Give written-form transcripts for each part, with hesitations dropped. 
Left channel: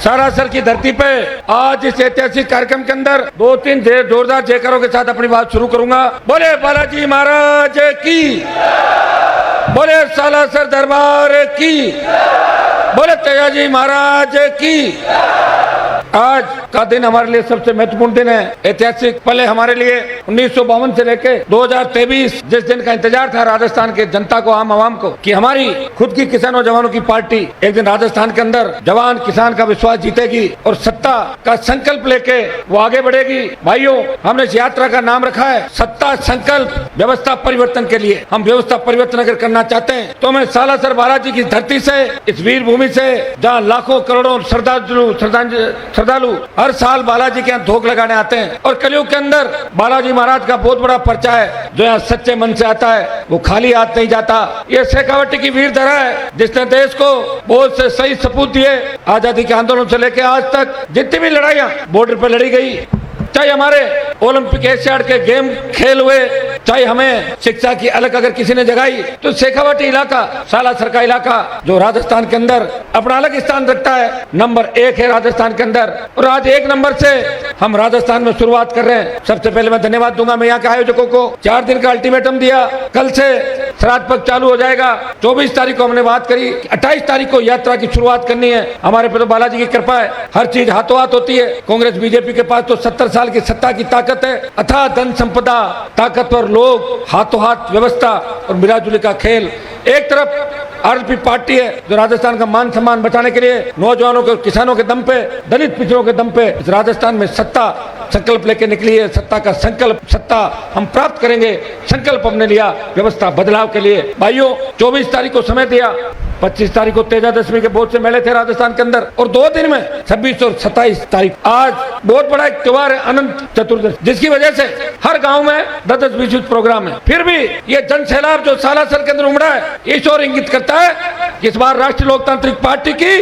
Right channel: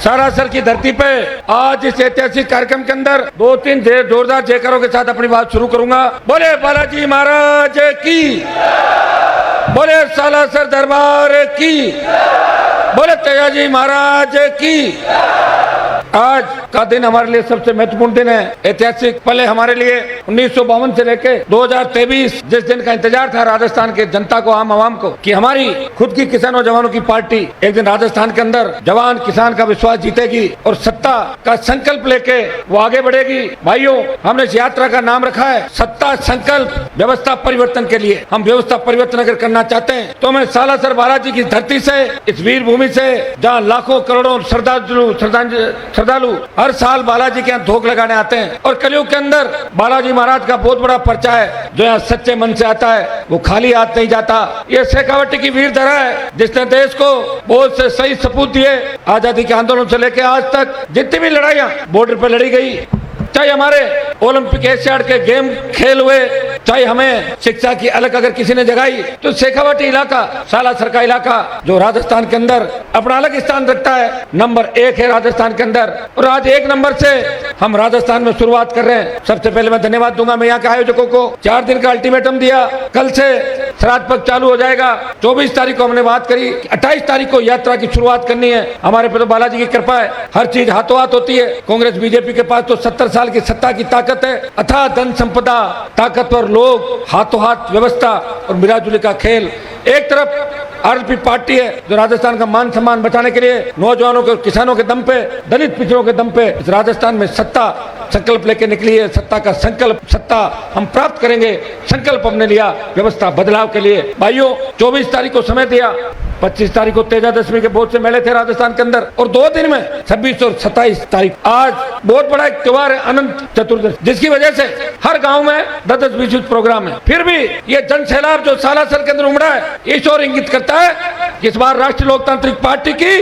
सालासर की धरती पे आज इस ऐतिहासिक कार्यक्रम के अंदर 2-3 जोरदार जयकारों के साथ अपनी बात शुरू करूंगा। बोले बालाजी महाराज की, बोले सालासर दरबार की, बोले तेजाजी महाराज की। आज का दिन हमारे लिए सबसे महत्वपूर्ण दिन है, ऐतिहासिक पल है हमारे लिए। 1952 से लेके 2023 जिस दिन का इंतजार था राजस्थान के जनता को, आम आवाम को, कि हमारी खुद की किसानों जवानों की पार्टी एक दिन राजस्थान के अंदर जवान किसान का विश्वास जीतेगी और सत्ता का संकल्प लेके वो आगे बढ़ेगी। भाइयों, हमने इस यात्रा का नाम रखा है सत्ता संकल्प व्यवस्था परिवर्तन के लिए। हम व्यवस्था परिवर्तन अगर करना चाहते हैं तो हमें सालासर बालाजी की धरती से, इस वीर भूमि से, जहाँ लाखों करोड़ों श्रद्धालु हर साल बालाजी के यहाँ धोख लगाने आते हैं और कलयुग के अंदर बालाजी महाराज का बहुत बड़ा पर्चा है जो यहाँ सच्चे मन से आता है, वो खाली हाथ नहीं जाता। ये शेखावटी की वीर धरा है जिसने देश को बहुत से सही सपूत दिए। आजादी के आंदोलन से लेकर आज तक जितनी भी लड़ाइयाँ बॉर्डर पे लड़ी गई, चाहे हमारे ओलंपिक एशियाड के गेम खेल हुए, चाहे हमें शिक्षा की अलग अगर किसी ने जगाई, तो शेखावटी इलाका, सालासर का इलाका जो राजस्थान के अंदर अपना अलग स्थान रखता है, नंबर 1 है राजस्थान के अंदर। और आज 1 नंबर से हम राजस्थान में शुरुआत कर रहे हैं। सबसे पहले मैं धन्यवाद दूंगा मैं यहाँ के आयोजकों को। 4 दिन का अल्टीमेटम दिया, कल से श्राद्ध पक्ष चालू हो जाएगा। 24 तारीख को हमने बात करी, 28 तारीख को यात्रा की शुरुआत करनी है। हमारे पे तो बालाजी की कृपा है, हर चीज हाथों हाथ होती है। कांग्रेस बीजेपी के पास तो 70 साल की सत्ता की ताकत है, अथाह धन संपदा, ताकतवर लोग, हाथों हाथ व्यवस्था और मिलाजुली का खेल। एक तरफ आरएलपी पार्टी है जो राजस्थान का मान सम्मान बचाने के लिए नौजवानों के, किसानों के दम पे, दलित पिछड़ों के दम पे इस राजस्थान में सत्ता संकल्प लेके निकली है। सत्ता का संकल्प, सत्ता हम प्राप्त करेंगे, संकल्प हमने लिया व्यवस्था बदलाव के लिए। भाइयों, 24 तारीख को समय दिया, 25 तारीख को तेजा दशमी के बहुत से मेले थे राजस्थान के अंदर, और 2 दिन में 26 और 27 तारीख आज बहुत बड़ा एक त्योहार है, अनंत चतुर्दशी, जिसकी वजह से हर गांव में 10-20 प्रोग्राम है। फिर भी ये जन सैलाब जो सालासर के अंदर उमड़ा है, इस ओर इंगित करता है इस बार राष्ट्रीय लोकतांत्रिक पार्टी की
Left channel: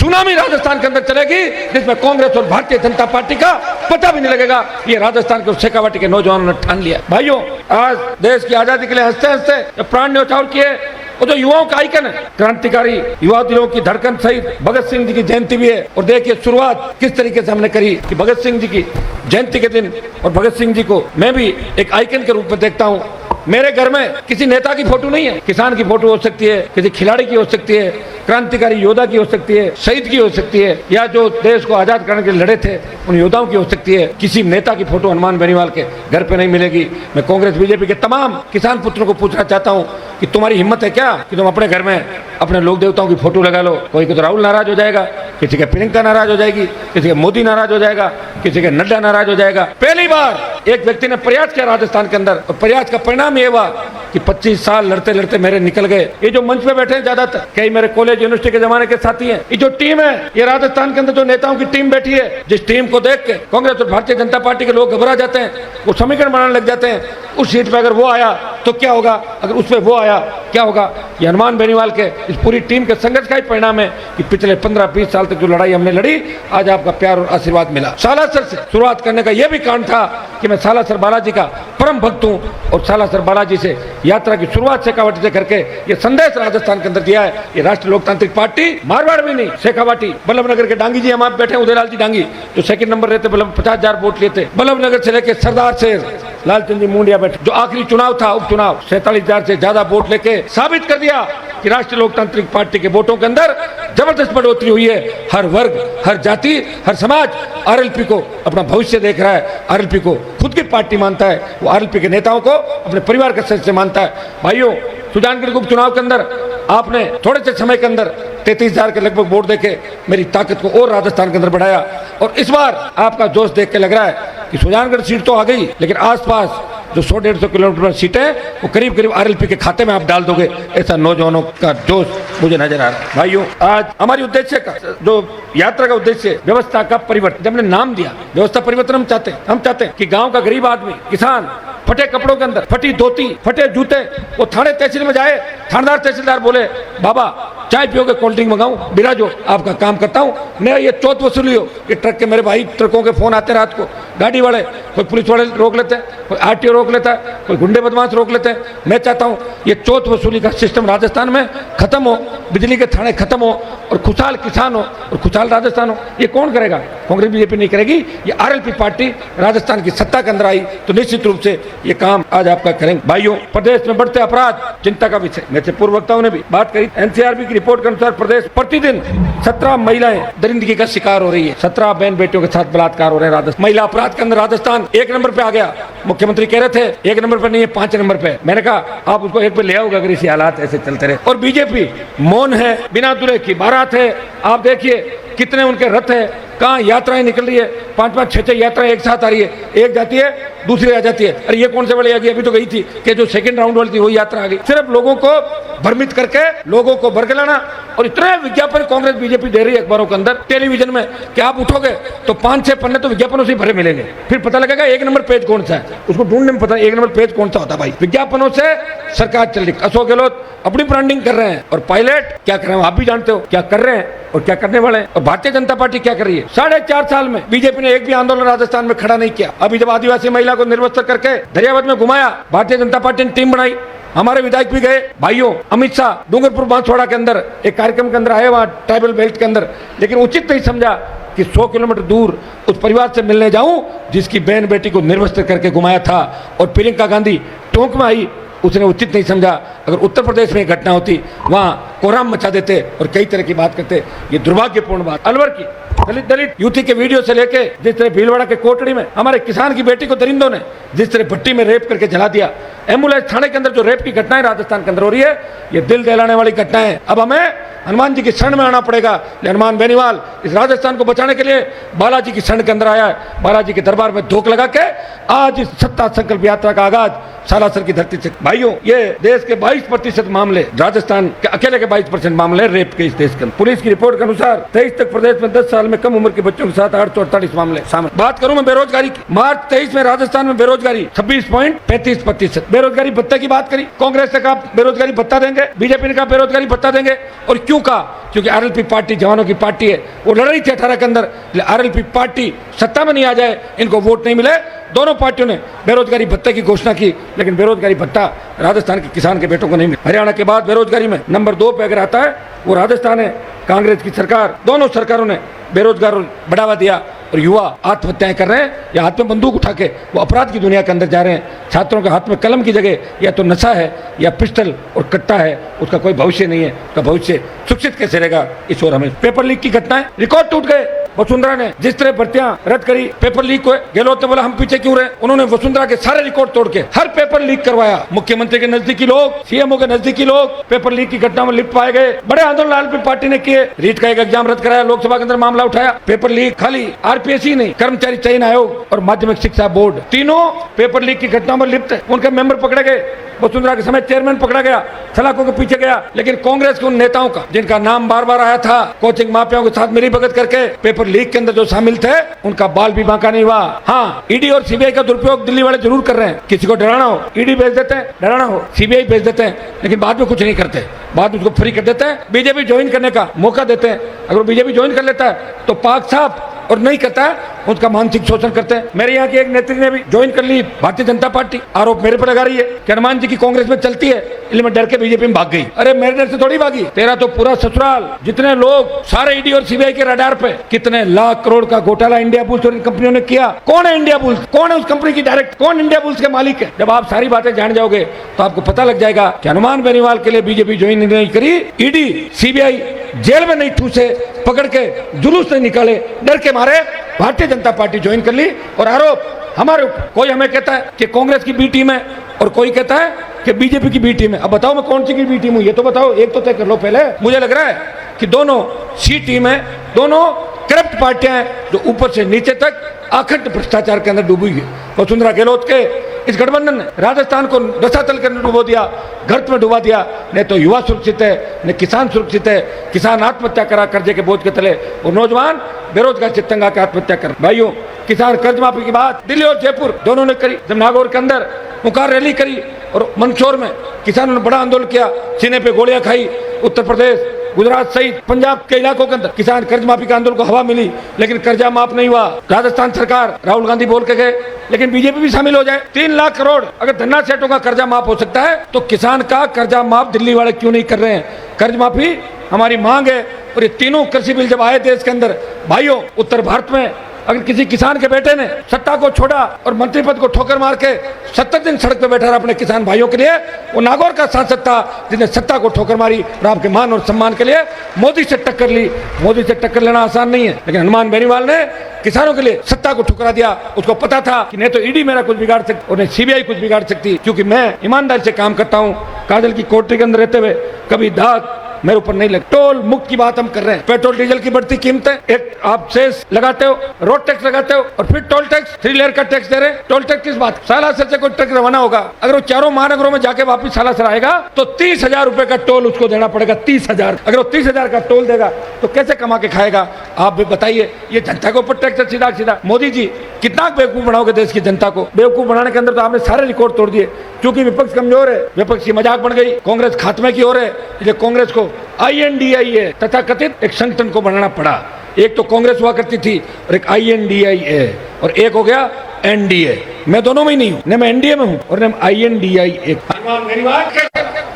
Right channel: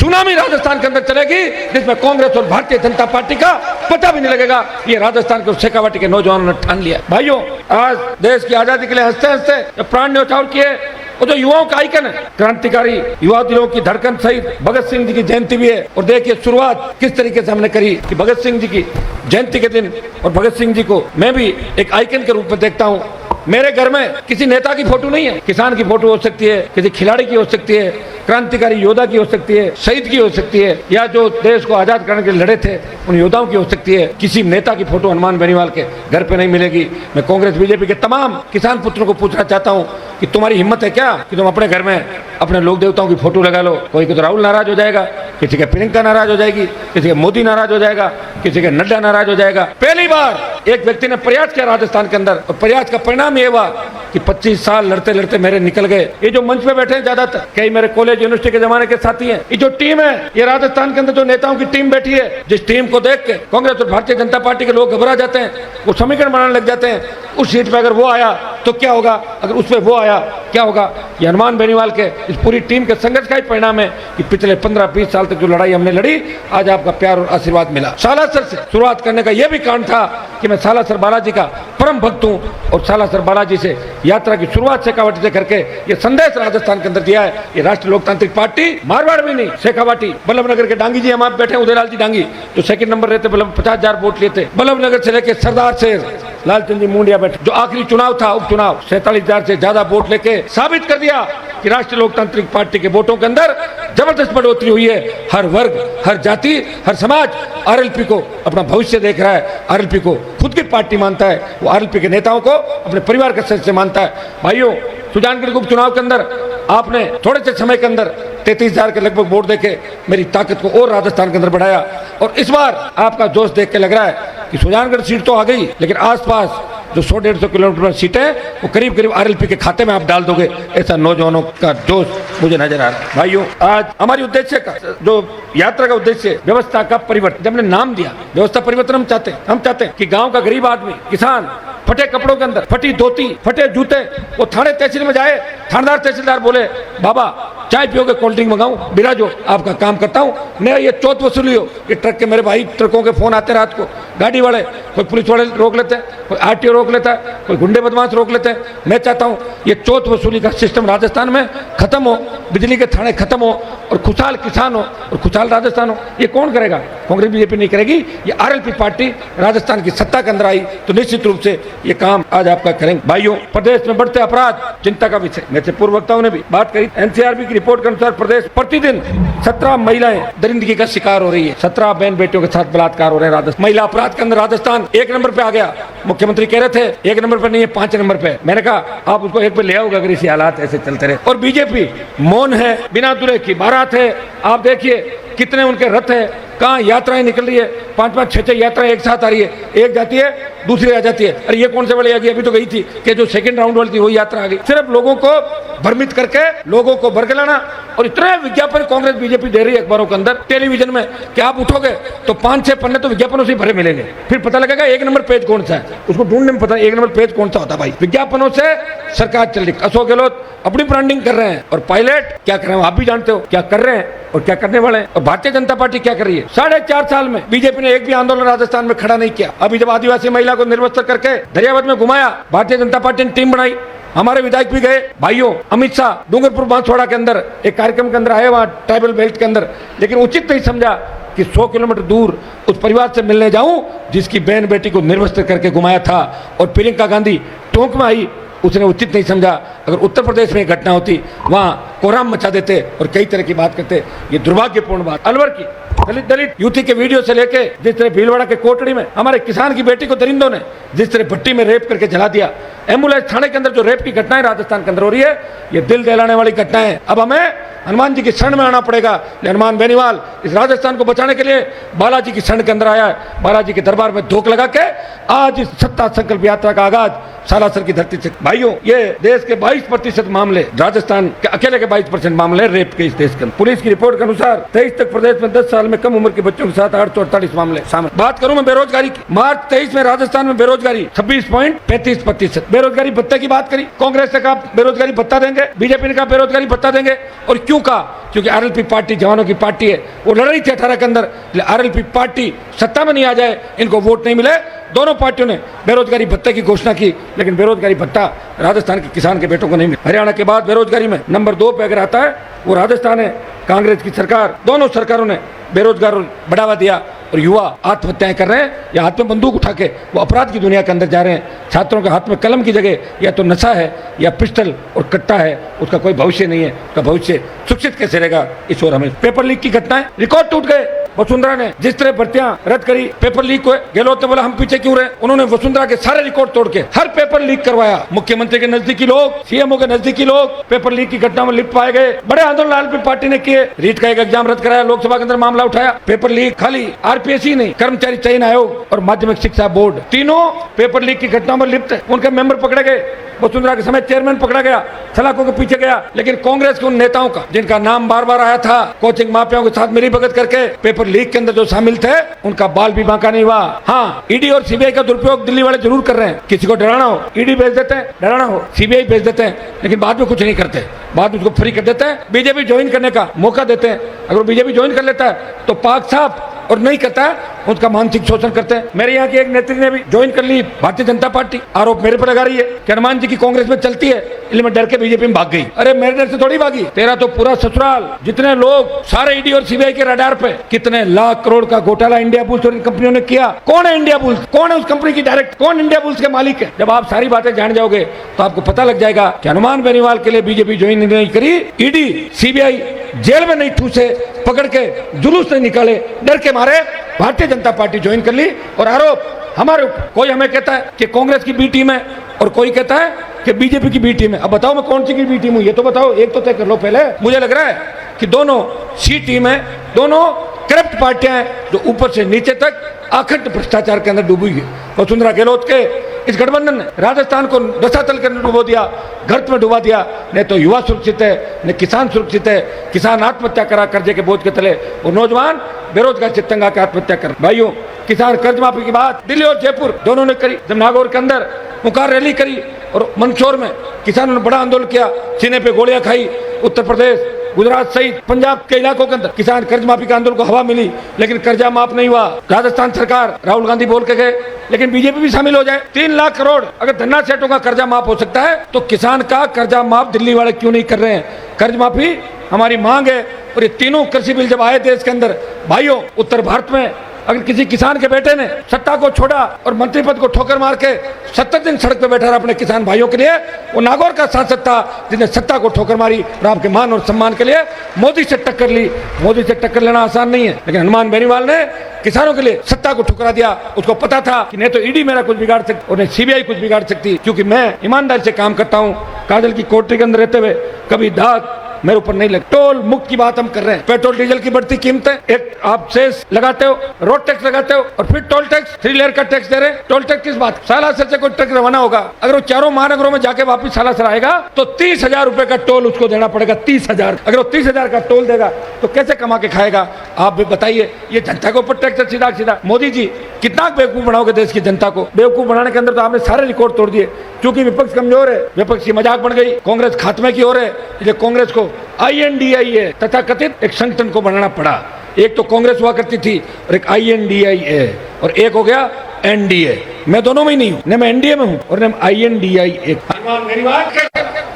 सुनामी राजस्थान के अंदर चलेगी, जिसमें कांग्रेस और भारतीय जनता पार्टी का पता भी नहीं लगेगा। ये राजस्थान के शेखावटी के नौजवानों ने ठान लिया। भाइयों, आज देश की आजादी के लिए हंसते हंसते प्राण न्यौछावर किए और जो युवाओं का आइकन है, क्रांतिकारी युवा दिलों की धड़कन सहित भगत सिंह जी की जयंती भी है। और देखिए शुरुआत किस तरीके से हमने करी कि भगत सिंह जी की जयंती के दिन, और भगत सिंह जी को मैं भी एक आइकन के रूप में देखता हूँ। मेरे घर में किसी नेता की फोटो नहीं है, किसान की फोटो हो सकती है, किसी खिलाड़ी की हो सकती है, क्रांतिकारी योद्धा की हो सकती है, शहीद की हो सकती है, या जो देश को आजाद करने के लिए लड़े थे उन योद्धाओं की हो सकती है। किसी नेता की फोटो हनुमान बेनीवाल के घर पे नहीं मिलेगी। मैं कांग्रेस बीजेपी के तमाम किसान पुत्रों को पूछना चाहता हूँ कि तुम्हारी हिम्मत है क्या कि तुम अपने घर में अपने लोक देवताओं की फोटो लगा लो। कोई को तो राहुल नाराज हो जाएगा, किसी के प्रियंका नाराज हो जाएगी, किसी के मोदी नाराज हो जाएगा, किसी के नड्डा नाराज हो जाएगा। पहली बार एक व्यक्ति ने प्रयास किया राजस्थान के अंदर, और प्रयास का परिणाम ये हुआ कि 25 साल लड़ते लड़ते मेरे निकल गए। ये जो मंच पे बैठे हैं ज्यादातर कई मेरे कॉलेज यूनिवर्सिटी के जमाने के साथी हैं। ये जो टीम है, ये राजस्थान के अंदर जो नेताओं की टीम बैठी है, जिस टीम को देख के कांग्रेस और भारतीय जनता पार्टी के लोग घबरा जाते हैं, वो समीकरण बनाने लग जाते हैं। उस सीट पे अगर वो आया तो क्या होगा, अगर उस पे वो आया क्या होगा। ये हनुमान बेनीवाल के इस पूरी टीम के संघर्ष का ही परिणाम है कि पिछले 15-20 साल तक जो लड़ाई हमने लड़ी, आज आपका प्यार और आशीर्वाद मिला। सालासर से शुरुआत करने का यह भी कारण था कि मैं सालासर बालाजी का परम भक्त हूँ, और सालासर बालाजी से यात्रा की शुरुआत शेखावटी से करके ये संदेश राजस्थान के अंदर दिया है। ये राष्ट्रीय लोकतांत्रिक पार्टी मारवाड़ भी नहीं, शेखावटी, बल्लभनगर के डांगी जी हम आप बैठे, उदयलाल जी डांगी जो सेकंड नंबर रहते, 50,000 वोट लिए थे। बल्लभनगर से लेके सरदार शेर लालचंद जी मुंडिया बैठे, जो आखिरी चुनाव था उपचुनाव, 47,000 से ज्यादा वोट लेके साबित कर दिया कि राष्ट्रीय लोकतांत्रिक पार्टी के वोटों के अंदर जबरदस्त बढ़ोतरी हुई है। हर वर्ग, हर जाति, हर समाज आरएलपी को अपना भविष्य देख रहा है, आरएलपी को खुद की पार्टी मानता है, वो आरएलपी के नेताओं को अपने परिवार के सदस्य मानता है। भाइयों, सुजानगढ़ उपचुनाव के अंदर आपने थोड़े से समय के अंदर 33,000 के लगभग वोट देखे, मेरी ताकत को और राजस्थान के अंदर बढ़ाया। और इस बार आपका जोश देख के लग रहा है कि सुजानगढ़ सीट तो आ गई, लेकिन आसपास जो 100-150 किलोमीटर सीट है वो करीब करीब आरएलपी के खाते में आप डाल दोगे, ऐसा नौजवानों का जोश मुझे नजर आ रहा है। भाइयों, आज हमारी उद्देश्य का जो यात्रा का उद्देश्य व्यवस्था का परिवर्तन, जब हमने नाम दिया व्यवस्था परिवर्तन, हम चाहते हैं कि गाँव का गरीब आदमी, किसान फटे कपड़ों के अंदर, फटी धोती, फटे जूते, वो थाने तहसील में जाए, थानेदार तहसीलदार बोले बाबा चाय पियोगे, कोल्ड ड्रिंक मंगाऊं, बिराजो, आपका काम करता हूं मैं। ये चौथ वसूली हो, ये ट्रक के मेरे भाई ट्रकों के फोन आते रात को, गाड़ी वाले कोई पुलिस वाले रोक लेते हैं, कोई आरटीओ रोक लेता है, कोई गुंडे बदमाश रोक लेते हैं। मैं चाहता हूँ ये चोट वसूली का सिस्टम राजस्थान में खत्म हो, बिजली के थाने खत्म हो और खुशहाल किसान हो और खुशहाल राजस्थान हो। ये कौन करेगा? कांग्रेस बीजेपी नहीं करेगी। ये आरएलपी पार्टी राजस्थान की सत्ता के अंदर आई तो निश्चित रूप से ये काम आज आपका करेंगे। भाइयों, प्रदेश में बढ़ते अपराध चिंता का विषय, मेरे पूर्व वक्ताओं ने भी बात करी। एनसीआरबी की रिपोर्ट के अनुसार प्रदेश प्रतिदिन 17 महिलाएं दरिंदगी का शिकार हो रही है, 17 बहन बेटियों के साथ बलात्कार हो रहे हैं। राजस्थान महिला अपराध के अंदर राजस्थान 1 नंबर पे आ गया। मुख्यमंत्री कह रहे थे 1 नंबर पे नहीं है, 5 नंबर पे। मैंने कहा आप उसको 1 पे ले आओगे अगर इसी हालात ऐसे चलते रहे। और बीजेपी मौन है, बिना दूल्हे की बारात है। आप देखिए कितने उनके रथ है, कहाँ यात्राएं निकल रही है, 5-5, 6-6 यात्राएं एक साथ आ रही है। एक जाती है दूसरी आ जाती है। अरे ये कौन से वाली आ गई? अभी तो गई थी कि जो सेकंड राउंड वाली थी वही यात्रा आ गई। सिर्फ लोगों को भ्रमित करके लोगों को बरगलाना। और इतना विज्ञापन कांग्रेस बीजेपी दे रही है अखबारों के अंदर, टेलीविजन में कि आप उठोगे तो 5-6 पन्ने तो विज्ञापनों से भरे मिलेंगे। फिर पता लगेगा 1 नंबर पेज कौन सा है, उसको ढूंढने में पता 1 नंबर पेज कौन सा होता है। भाई विज्ञापनों से सरकार चल रही। अशोक गहलोत अपनी ब्रांडिंग कर रहे हैं और पायलट क्या कर रहे हैं आप भी जानते हो, क्या कर रहे हैं और क्या करने वाले हैं। और भारतीय जनता पार्टी क्या कर रही है? 4.5 साल में बीजेपी ने एक भी आंदोलन राजस्थान में खड़ा नहीं किया। अभी जब आदिवासी महिला को निर्वस्त्र करके दरियावत में घुमाया, भारतीय जनता पार्टी ने टीम बनाई, हमारे विधायक भी गए। भाइयों, अमित शाह डूंगरपुर बांसवाड़ा के अंदर एक कार्यक्रम के अंदर आए, वहां ट्राइबल बेल्ट के अंदर, लेकिन उचित नहीं समझा कि 100 किलोमीटर दूर उस परिवार से मिलने जाऊं जिसकी बहन बेटी को निर्वस्त्र करके घुमाया था। और प्रियंका गांधी टोंक में आई, उसने उचित नहीं समझा। अगर उत्तर प्रदेश में घटना होती वहां कोहराम मचा देते और कई तरह की बात करते। ये दुर्भाग्यपूर्ण बात। अलवर की दलित युवती के वीडियो से लेके जिस तरह भीलवाड़ा के कोटड़ी में हमारे किसान की बेटी को दरिंदों ने जिस तरह भट्टी में रेप करके जला दिया, एम्बुलेंस थाने के अंदर जो रेप की घटनाएं राजस्थान के अंदर हो रही है, ये दिल दहलाने वाली घटनाएं। अब हमें हनुमान जी की शरण में आना पड़ेगा। हनुमान बेनीवाल इस राजस्थान को बचाने के लिए बालाजी की शरण के अंदर आया, बालाजी के दरबार में धोख लगा के आज इस सत्ता संकल्प यात्रा का आगाज सालासर की धरती से। भाइयों, ये देश के 22% मामले, राजस्थान के अकेले के 22% मामले रेप के इस देश के। पुलिस की रिपोर्ट के अनुसार 23 तक प्रदेश में 10 साल में कम उम्र के बच्चों के साथ 848 मामले शामिल। बात करूं मैं बेरोजगारी की, मार्च 23 में राजस्थान में बेरोजगारी 26.35%। बेरोजगारी भत्ते की बात करी, कांग्रेस ने कहा बेरोजगारी भत्ता देंगे, बीजेपी ने कहा बेरोजगारी भत्ता देंगे। और क्यों कहा? क्योंकि आरएलपी पार्टी जवानों की पार्टी है, वो लड़ रही थी 18 के अंदर। आरएलपी पार्टी सत्ता में नहीं आ जाए, इनको वोट नहीं मिले, दोनों पार्टियों ने बेरोजगारी भत्ते की घोषणा की, लेकिन बेरोजगारी भत्ता राजस्थान के किसान के बेटों को नहीं मिला। हरियाणा के बाद बेरोजगारी में नंबर 2 पे अगर आता है वो राजस्थान है। कांग्रेस की सरकार, दोनों सरकारों ने बेरोजगार बढ़ावा दिया और युवा आत्महत्याएं कर रहे हैं या हाथ में बंदूक उठा के वो अपराध की दुनिया के अंदर जा रहे हैं। छात्रों के हाथ में कलम की जगह या तो नशा है या पिस्टल और कट्टा है, उसका कोई भविष्य नहीं है। उसका भविष्य सुरक्षित कैसे रहेगा? इस ओर हमें पेपर लीक की घटनाएं, रिकॉर्ड टूट गए। वसुंधरा ने जिस तरह भर्तियां रद्द करी, पेपर लीक हुए, गहलोत ने बोला हम पीछे क्यों रहे। उन्होंने वसुंधरा के सारे रिकॉर्ड तोड़ के हर पेपर लीक करवाया। मुख्यमंत्री के नजदीकी लोग, सीएमओ के नजदीकी लोग पेपर लीक की घटना में लिप्त पाए गए। बड़े आंदोलन आरएलपी पार्टी ने किए, रीट का एक एग्जाम रद्द कराया, लोकसभा के अंदर मामला उठाया। पेपर लीक खाली आरपीएससी नहीं, कर्मचारी चयन आयोग और माध्यमिक शिक्षा बोर्ड, तीनों पेपर लीक की घटना में लिप्त है। उनके मेंबर पकड़े गए, वसुंधरा के समय चेयरमैन पकड़ा गया, सलाखों के पीछे गया। लेकिन कांग्रेस के उन नेताओं का जिनका नाम बार बार आया था, कोचिंग माफियाओं के साथ मिलीभगत करके पेपर लीक के अंदर जो शामिल थे, उनका बाल भी बांका नहीं हुआ। हाँ, ईडी और सीबीआई का दुरुपयोग दिल्ली वाले जरूर कर रहे हैं। किसी को डराना हो ईडी भेज देते हैं, डराना हो सीबीआई भेज देते हैं, लेकिन बाद में कुछ नहीं करते, बाद में उसको फ्री कर देते हैं। बीजेपी ज्वाइन करने का मौका देते हैं, अगर बीजेपी ज्वाइन कर लेता है तो पाक साहब और नहीं करता है उसका मानसिक शोषण करते हैं। मेरे यहाँ की एक नेत्री ने भी ज्वाइन कर ली भारतीय जनता पार्टी, आरोप मेरे पर लगा रही है कि हनुमान जी की कांग्रेस में चलती है, इसलिए मैं डर के बीजेपी में भाग गई। अरे मेरे डर से थोड़ी भागी, तेरा तो पूरा ससुराल, जितने लोग सारे ईडी और सीबीआई के रडार पे, कितने लाख करोड़ का घोटाला इंडिया बुल्स और इन कंपनियों ने किया। कौन है इंडिया बुल्स? कौन है उस कंपनी की डायरेक्ट? कौन इंडिया बुल्स के मालिक है? जब आप सारी बातें जान जाओगे तो आपको पता लग जाएगा कि हनुमान बेनीवाल के लिए बीजेपी ज्वाइन नहीं करी, ईडी सीबीआई जेल में नहीं ठूसे, पकड़ के जुलूस नहीं निकाले, डर के मारे भारतीय जनता पार्टी ज्वाइन कर ली। और आरोप हमारे ऊपर, कोई हमें कहता है कि कांग्रेस की बी टीम है और कोई कहता है कि बीजेपी की बी टीम है। अब बताओ मैं कौन सी की बी टीम हूं, ये तो बताओ, एक तो तय कर लो पहले। मुझे लग रहा है कि दोनों सी टीम है, दोनों करप्ट पार्टियां हैं जो ऊपर से नीचे तक अखंड भ्रष्टाचार के अंदर डूबी हुई। वसुंधरा गहलोत के इस गठबंधन ने राजस्थान को रसातल के अंदर डुबो दिया, गर्त में डुबा दिया। नहीं तो युवा सुरक्षित है, न किसान सुरक्षित है। किसान आत्महत्या करा कर्जे के बोझ के तले, और नौजवान बेरोजगार चित्तंगा के आत्महत्या कर। भाइयों, किसान कर्ज माफी की बात दिल्ली और जयपुर दोनों ने करी। जब नागौर के अंदर पुकार रैली करी और मंदसौर में किसानों ने बड़ा आंदोलन किया, सीने पे गोलियां खाई, उत्तर प्रदेश गुजरात सहित पंजाब के इलाकों के अंदर किसान कर्ज माफी के आंदोलन को हवा मिली, लेकिन कर्जा माफ नहीं हुआ। राजस्थान सरकार राहुल गांधी बोल के गए, लेकिन बीजेपी भी शामिल हो जाए। 3 लाख करोड़ अगर धन्ना सेठों का कर्जा माफ हो सकता है तो किसान का कर्जा माफ दिल्ली वाले क्यों नहीं कर रहे हैं? कर्ज माफी हमारी मांग है। और ये तीनों कृषि बिल जब आए देश के अंदर, भाइयों, उत्तर भारत में अगर किसी किसान के बेटे ने सत्ता को छोड़ा और मंत्री पद को ठोकर मार के 70 दिन सड़क पे बैठा रहा अपने किसान भाइयों के लिए, वो नागौर का सांसद था जिसने सत्ता को ठोकर मारी और आपके मान और सम्मान के लिए मोदी से टक्कर ली। मोदी से टक्कर लेना आसान नहीं है, लेकिन हनुमान बेनीवाल ने किसानों के लिए सत्ता को ठुकरा दिया। उसको पता था कि नहीं तो ईडी मेरा कुछ बिगाड़ सकती और नहीं सीबीआई कुछ बिगाड़ सकती, क्योंकि मैं ईमानदारी से काम करता हूँ। काजल की कोठरी के अंदर रहते हुए कभी दाग मेरे ऊपर नहीं लगा। टोल मुक्त की बात हम कर रहे हैं। पेट्रोल डीजल की बढ़ती कीमतें, एक आप सेस लगाते हो, रोड टैक्स लगाते हो और फिर टोल टैक्स, 3 लेयर का टैक्स दे रहे हैं। टोल टैक्स किस बात? सालासर से कोई ट्रक रवाना होगा, अगर वो चारों महानगरों में जाके वापस सालासर आएगा तो 30,000 रुपए का टोल उसको देना पड़ेगा। 30,000। अगर वो 30,000 का टोल देगा तो कैसे कमा के खाएगा? आप भी बताइए। ये जनता के ऊपर टैक्स सीधा सीधा। मोदी जी कितना बेवकूफ बनाओगे देश की जनता को? बेवकूफ बनाने के अंदर तो आपने सारे रिकॉर्ड तोड़ दिए, क्योंकि विपक्ष कमजोर है, विपक्ष की मजाक बन गई, कांग्रेस खात्मे की ओर है। इसलिए कांग्रेस को INDIA तथा कथित एक संगठन को बनना पड़ा। एक तो कांग्रेस हुआ करती थी और एक INDIA और एक हो गया NDA। मैं दोनों में नहीं, न मैं NDA में हूँ और न INDIA।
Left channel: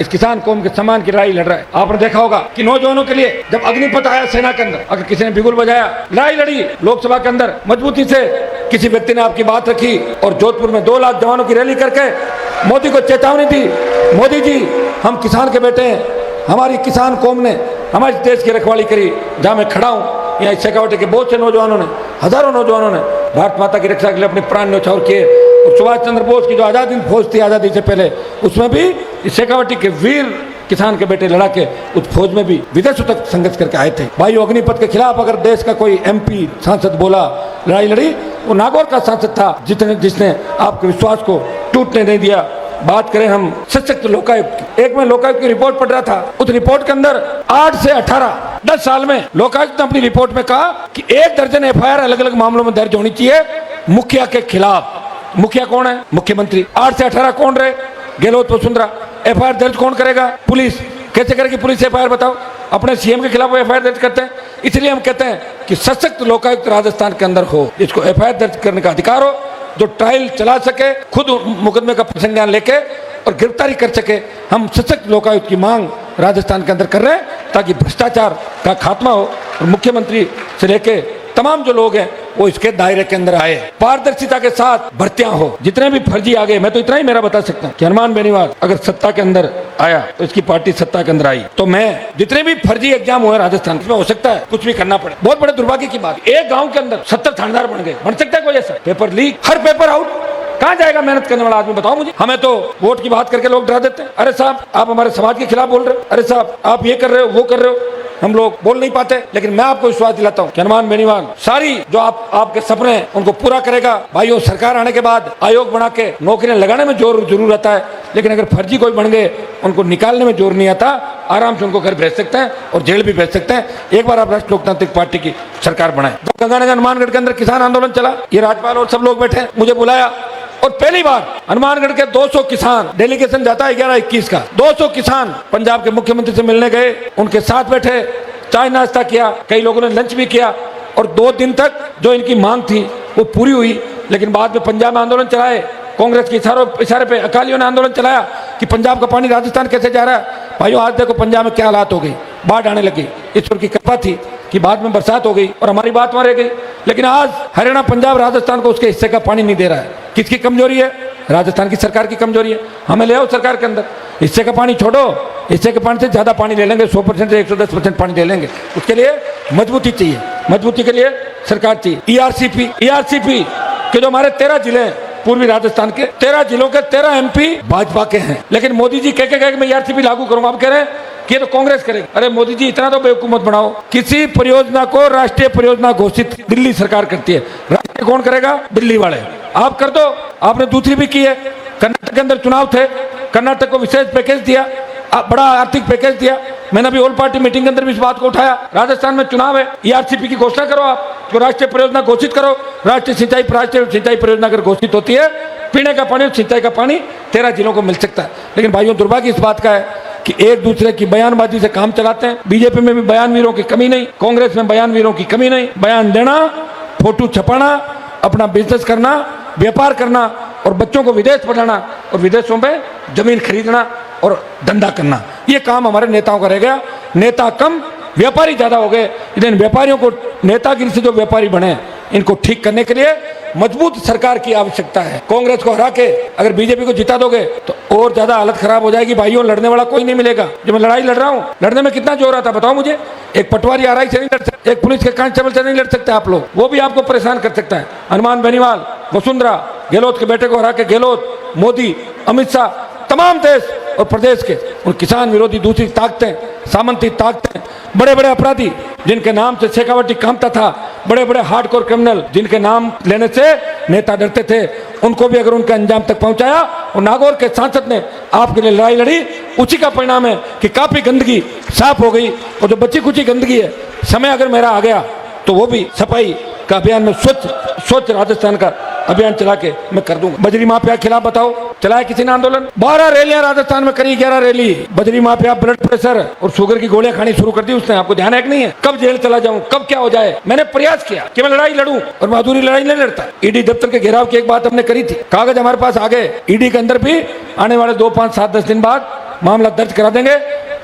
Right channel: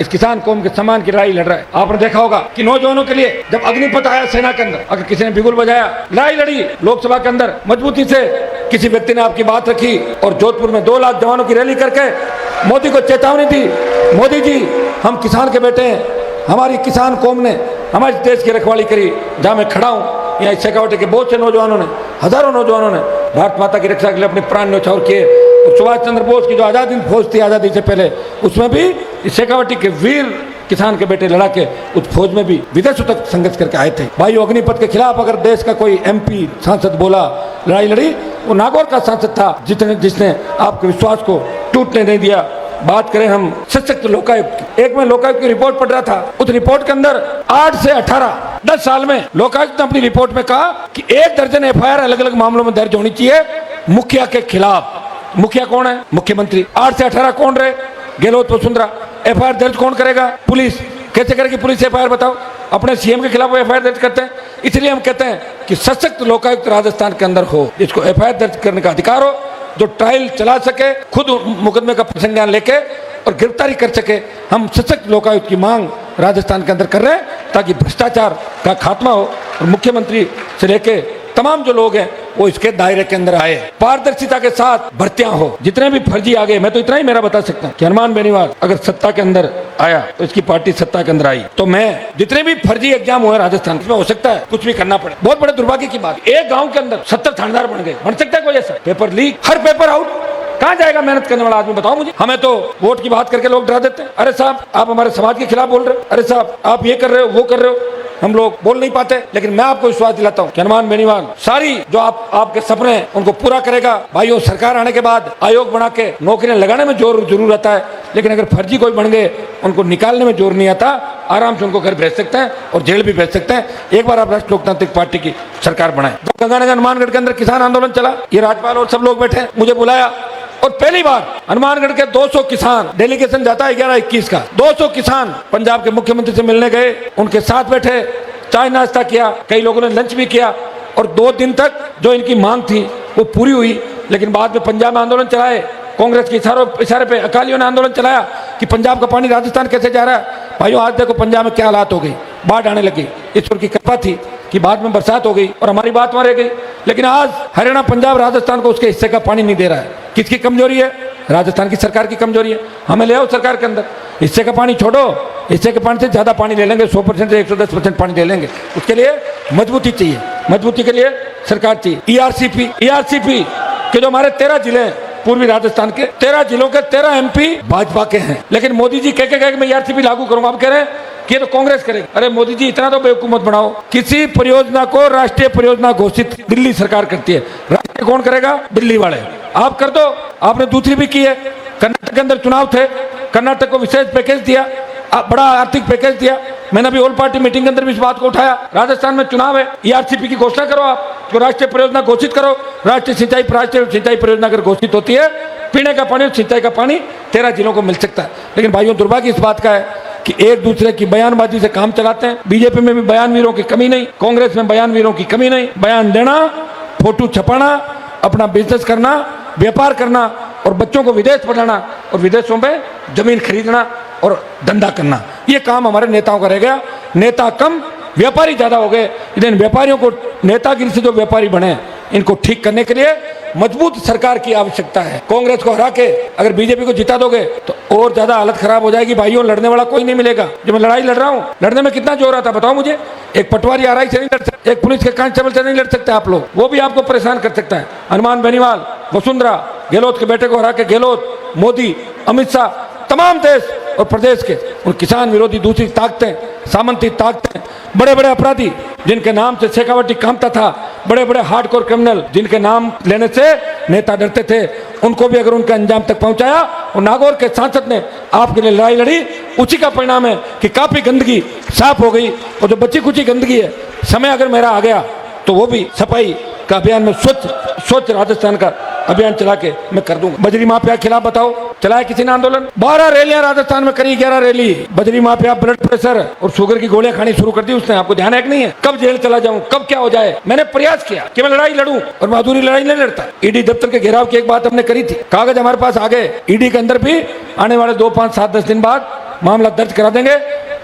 इस किसान कौम के सम्मान की लड़ाई लड़ रहा है। आपने देखा होगा कि नौजवानों के लिए जब अग्निपथ आया सेना के अंदर, अगर किसी ने बिगुल बजाया, लड़ाई लड़ी लोकसभा के अंदर मजबूती से, किसी व्यक्ति ने आपकी बात रखी और जोधपुर में 2 लाख जवानों की रैली करके मोदी को चेतावनी दी, मोदी जी हम किसान के बेटे हैं, हमारी किसान कौम ने हमारे देश की रखवाली करी। जहां मैं खड़ा हूं, यहाँ शेखावटी के बहुत से नौजवानों ने, हजारों नौजवानों ने भारत माता की रक्षा के लिए अपने प्राण न्यौछावर किए। और सुभाष चंद्र बोस की जो आजादी फौज थी आजादी से पहले, उसमें भी शेखावटी के वीर किसान के बेटे लड़ा के उस फौज में भी विदेशों तक संघर्ष करके आए थे। भाइयों, अग्निपथ के खिलाफ अगर देश का कोई MP सांसद बोला, लड़ाई लड़ी, वो नागौर का सांसद था जिसने आपके विश्वास को टूटने नहीं दिया। बात करें हम सशक्त लोकायुक्त, एक मैं लोकायुक्त की रिपोर्ट पढ़ रहा था, उस रिपोर्ट के अंदर 8 से 18 10 साल में लोकायुक्त ने अपनी रिपोर्ट में कहा कि 1 दर्जन FIR अलग अलग मामलों में दर्ज होनी चाहिए मुखिया के खिलाफ। मुखिया कौन है? मुख्यमंत्री। 8 से 18 कौन रहे? गहलोत, वसुंधरा। FIR दर्ज कौन करेगा? पुलिस। कैसे करेगी पुलिस FIR? बताओ। अपने CM के खिलाफ वो FIR दर्ज करते हैं। इसलिए हम कहते हैं कि सशक्त लोकायुक्त राजस्थान के अंदर हो, उसको FIR दर्ज करने का अधिकार हो, जो ट्रायल चला सके, खुद मुकदमे का संज्ञान लिखे और गिरफ्तारी कर सके। हम सशक्त लोकायुक्त की मांग राजस्थान के अंदर कर रहे हैं ताकि भ्रष्टाचार का खात्मा हो। मुख्यमंत्री से लेके तमाम जो लोग हैं वो इसके दायरे के अंदर आए, पारदर्शिता के साथ भर्तियां हो। जितने भी फर्जी आ गए, मैं तो इतना ही मेरा बता सकता हूँ कि हनुमान बेनीवाल अगर सत्ता के अंदर आया तो इसकी पार्टी सत्ता के अंदर आई तो मैं जितने भी फर्जी एग्जाम हुए राजस्थान में, हो सकता है कुछ भी करना पड़े। बहुत बड़े दुर्भाग्य की बात, एक गाँव के अंदर 70 थानेदार बन गए। बन सकता है कोई ऐसा? पेपर लीक, हर पेपर आउट। कहाँ जाएगा मेहनत करने वाला आदमी? बताओ मुझे। हमें तो वोट की बात करके लोग डरा देते हैं। अरे साहब, आप हमारे समाज के खिलाफ बोल रहे हो, अरे साहब आप ये कर रहे हो, वो कर रहे हो। हम लोग बोल नहीं पाते, लेकिन मैं आपको विश्वास दिलाता हूँ कि हनुमान बेनीवाल सारी जो आपके सपने हैं उनको पूरा करेगा। भाइयों, सरकार आने के बाद आयोग बना के नौकरियां लगाने में जोर जरूर आता है, लेकिन अगर फर्जी कोई बन गए उनको निकालने में जोर नहीं आता। आराम से उनको घर भेज सकते हैं और जेल भी भेज सकते हैं। एक बार आप राष्ट्रीय लोकतांत्रिक पार्टी की सरकार बनाए। जब गंगानगर हनुमानगढ़ के अंदर किसान आंदोलन चला, ये राज्यपाल और सब लोग बैठे, मुझे बुलाया और पहली बार हनुमानगढ़ के 200 किसान, डेलीगेशन जाता है 11-21 का, 200 किसान पंजाब के मुख्यमंत्री से मिलने गए, उनके साथ बैठे, चाय नाश्ता किया, कई लोगों ने लंच भी किया और 2 दिन तक जो इनकी मांग थी वो पूरी हुई। लेकिन बाद में पंजाब में आंदोलन चलाए, कांग्रेस के इशारे पे अकालियों ने आंदोलन चलाया कि पंजाब का पानी राजस्थान कैसे जा रहा है। भाइयों, आज देखो पंजाब में क्या हालात हो गई, बाढ़ आने लगी। ईश्वर की कृपा थी कि बाद में बरसात हो गई और हमारी बात वहां रह गई। लेकिन आज हरियाणा, पंजाब, राजस्थान को उसके हिस्से का पानी नहीं दे रहा है। किसकी कमजोरी है? राजस्थान की सरकार की कमजोरी है। हमें ले आओ सरकार के अंदर, हिस्से का पानी छोड़ो, हिस्से के पानी से ज्यादा पानी ले लेंगे, 100% से 110% पानी ले लेंगे। उसके लिए मजबूती चाहिए, मजबूती के लिए सरकार चाहिए। ERCP के जो हमारे 13 जिले हैं पूर्वी राजस्थान के, 13 जिलों के 13 MP भाजपा के हैं, लेकिन मोदी जी कह मैं ERCP लागू करूंगा। आप कह रहे हैं ये तो कांग्रेस करेगी। अरे मोदी जी, इतना तो बेवकूफ बनाओ। किसी परियोजना को राष्ट्रीय परियोजना घोषित दिल्ली सरकार करती है, राष्ट्रीय कौन करेगा? दिल्ली वाले। आप कर दो। आपने दूसरी भी की है। कर्नाटक के अंदर चुनाव थे, कर्नाटक को विशेष पैकेज दिया, बड़ा आर्थिक पैकेज दिया। मैंने अभी ऑल पार्टी मीटिंग के अंदर भी इस बात को उठाया। राजस्थान में चुनाव है, ERCP की घोषणा करो, आप तो राष्ट्रीय परियोजना घोषित करो। राष्ट्रीय सिंचाई परियोजना अगर घोषित होती है, पीने का पानी, सिंचाई का पानी 13 जिलों को मिल सकता है। लेकिन भाइयों, दुर्भाग्य इस बात का है कि एक दूसरे की बयानबाजी से काम चलाते हैं। बीजेपी में भी बयानवीरों की कमी नहीं, कांग्रेस में बयानवीरों की कमी नहीं। बयान देना, फोटो छपाना, अपना बिजनेस करना, व्यापार करना और बच्चों को विदेश पढ़ाना और विदेशों में जमीन खरीदना और धंधा करना, ये काम हमारे नेताओं का रह गया। नेता कम, व्यापारी ज्यादा हो गए। इन व्यापारियों को, नेतागिरी से जो व्यापारी बने, इनको ठीक करने के लिए मजबूत सरकार की आवश्यकता है। कांग्रेस को हरा के अगर बीजेपी को जिता दोगे तो और ज्यादा हालत खराब हो जाएगी। भाइयों, लड़ने वाला कोई नहीं मिलेगा। जो मैं लड़ाई लड़ रहा हूँ, लड़ने में कितना जोर आता बताओ मुझे। एक पटवारी आरआई से नहीं लड़ सकते, एक पुलिस के कांस्टेबल से नहीं लड़ सकते आप लोग, वो भी आपको परेशान कर सकता है। हनुमान बेनीवाल, वसुंधरा, गहलोत के बेटे को हरा के गहलोत, मोदी, अमित शाह, तमाम देश और प्रदेश के उन किसान विरोधी दूसरी ताकतें, सामंती ताकतें, बड़े बड़े अपराधी जिनके नाम से शेखावटी कांपता था, बड़े बड़े हार्डकोर क्रिमिनल जिनके नाम लेने से नेता डरते थे, उनको भी अगर उनके अंजाम तक पहुंचाया। और नागौर के सांसद ने आपके लिए लड़ाई लड़ी, उसी का परिणाम है कि काफी गंदगी साफ हो गई। और जो बची कुची गंदगी है, समय अगर मेरा आ गया तो वो भी सफाई का अभियान में स्वच्छ राजस्थान का अभियान चला के मैं कर दूंगा। बजरी माफिया के खिलाफ बताओ, चलाया किसी ने आंदोलन? 12 रैलियां राजस्थान में करी, 11 रैली। बजरी माफिया ब्लड प्रेशर और शुगर की गोलियां खानी शुरू कर दी उसने। आपको ध्यान है कि नहीं है? कब जेल चला जाऊं, कब क्या हो जाए। मैंने प्रयास किया कि मैं लड़ाई लड़ूं, और बहादुरी लड़ाई नहीं लड़ता। ईडी दफ्तर के घेराव की एक बात हमने करी थी, कागज हमारे पास आ गए। ईडी के अंदर भी आने वाले 2, 5, 7, 10 दिन बाद मामला दर्ज करा देंगे।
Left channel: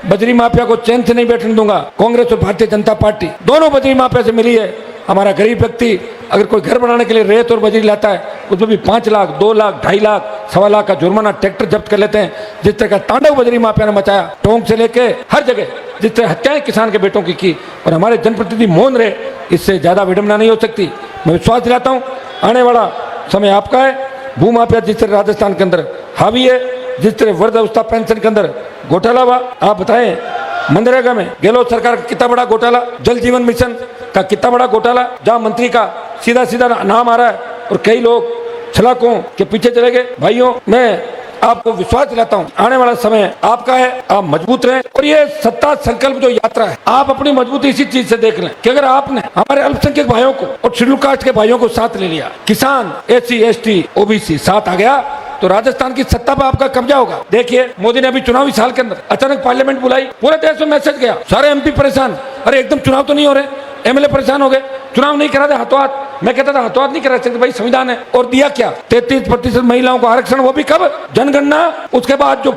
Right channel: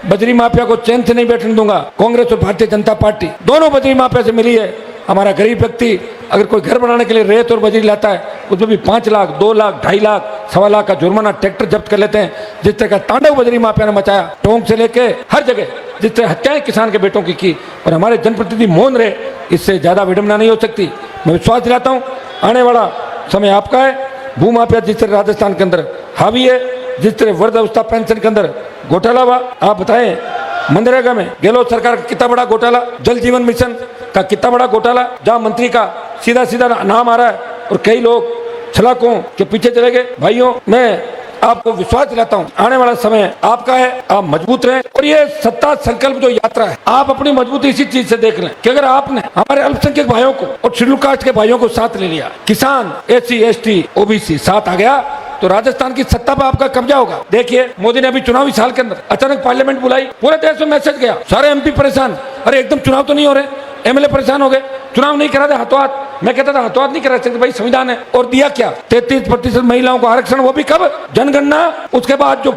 बजरी माफिया को चैन से नहीं बैठने दूंगा। कांग्रेस और भारतीय जनता पार्टी दोनों बजरी माफिया से मिली है। हमारा गरीब व्यक्ति अगर कोई घर बनाने के लिए रेत और बजरी लाता है, उसमें भी 5 लाख, 2 लाख, 2.5 लाख, 1.25 लाख का जुर्माना, ट्रैक्टर जब्त कर लेते हैं। जिस तरह का तांडव बजरी माफिया ने मचाया, टोंक से लेके हर जगह जिस तरह हत्याएं किसान के बेटों की और हमारे जनप्रतिनिधि मौन रहे, इससे ज्यादा विडंबना नहीं हो सकती। मैं विश्वास दिलाता हूँ, आने वाला समय आपका है। भूमाफिया जिस तरह राजस्थान के अंदर हावी है, जिस तरह वृद्धावस्था पेंशन के अंदर घोटाला हुआ, आप बताएं मनरेगा में गहलोत सरकार का कितना बड़ा घोटाला, जल जीवन मिशन का कितना बड़ा घोटाला, जहां मंत्री का सीधा सीधा नाम आ रहा है और कई लोग छलाकों के पीछे चले गए। भाइयों, मैं आपको विश्वास दिलाता हूं, आने वाला समय आपका है, आप मजबूत रहें। और ये सत्ता संकल्प जो यात्रा है, आप अपनी मजबूती इसी चीज से देख लें कि अगर आपने हमारे अल्पसंख्यक भाइयों को और शेड्यूल कास्ट के भाइयों को साथ ले लिया, किसान, SC, ST, OBC साथ आ गया, तो राजस्थान की सत्ता पर आपका कब्जा होगा। देखिए, मोदी ने अभी चुनावी साल के अंदर अचानक पार्लियामेंट बुलाई, पूरे देश में मैसेज गया, सारे MP परेशान, अरे एकदम चुनाव तो नहीं हो रहे, MLA परेशान हो गए, चुनाव नहीं करा दे हाथों हाथ। मैं कहता था हाथों हाथ नहीं करा सकते भाई, संविधान है। और दिया क्या? 33% महिलाओं को आरक्षण, वो भी कब? जनगणना, उसके बाद जो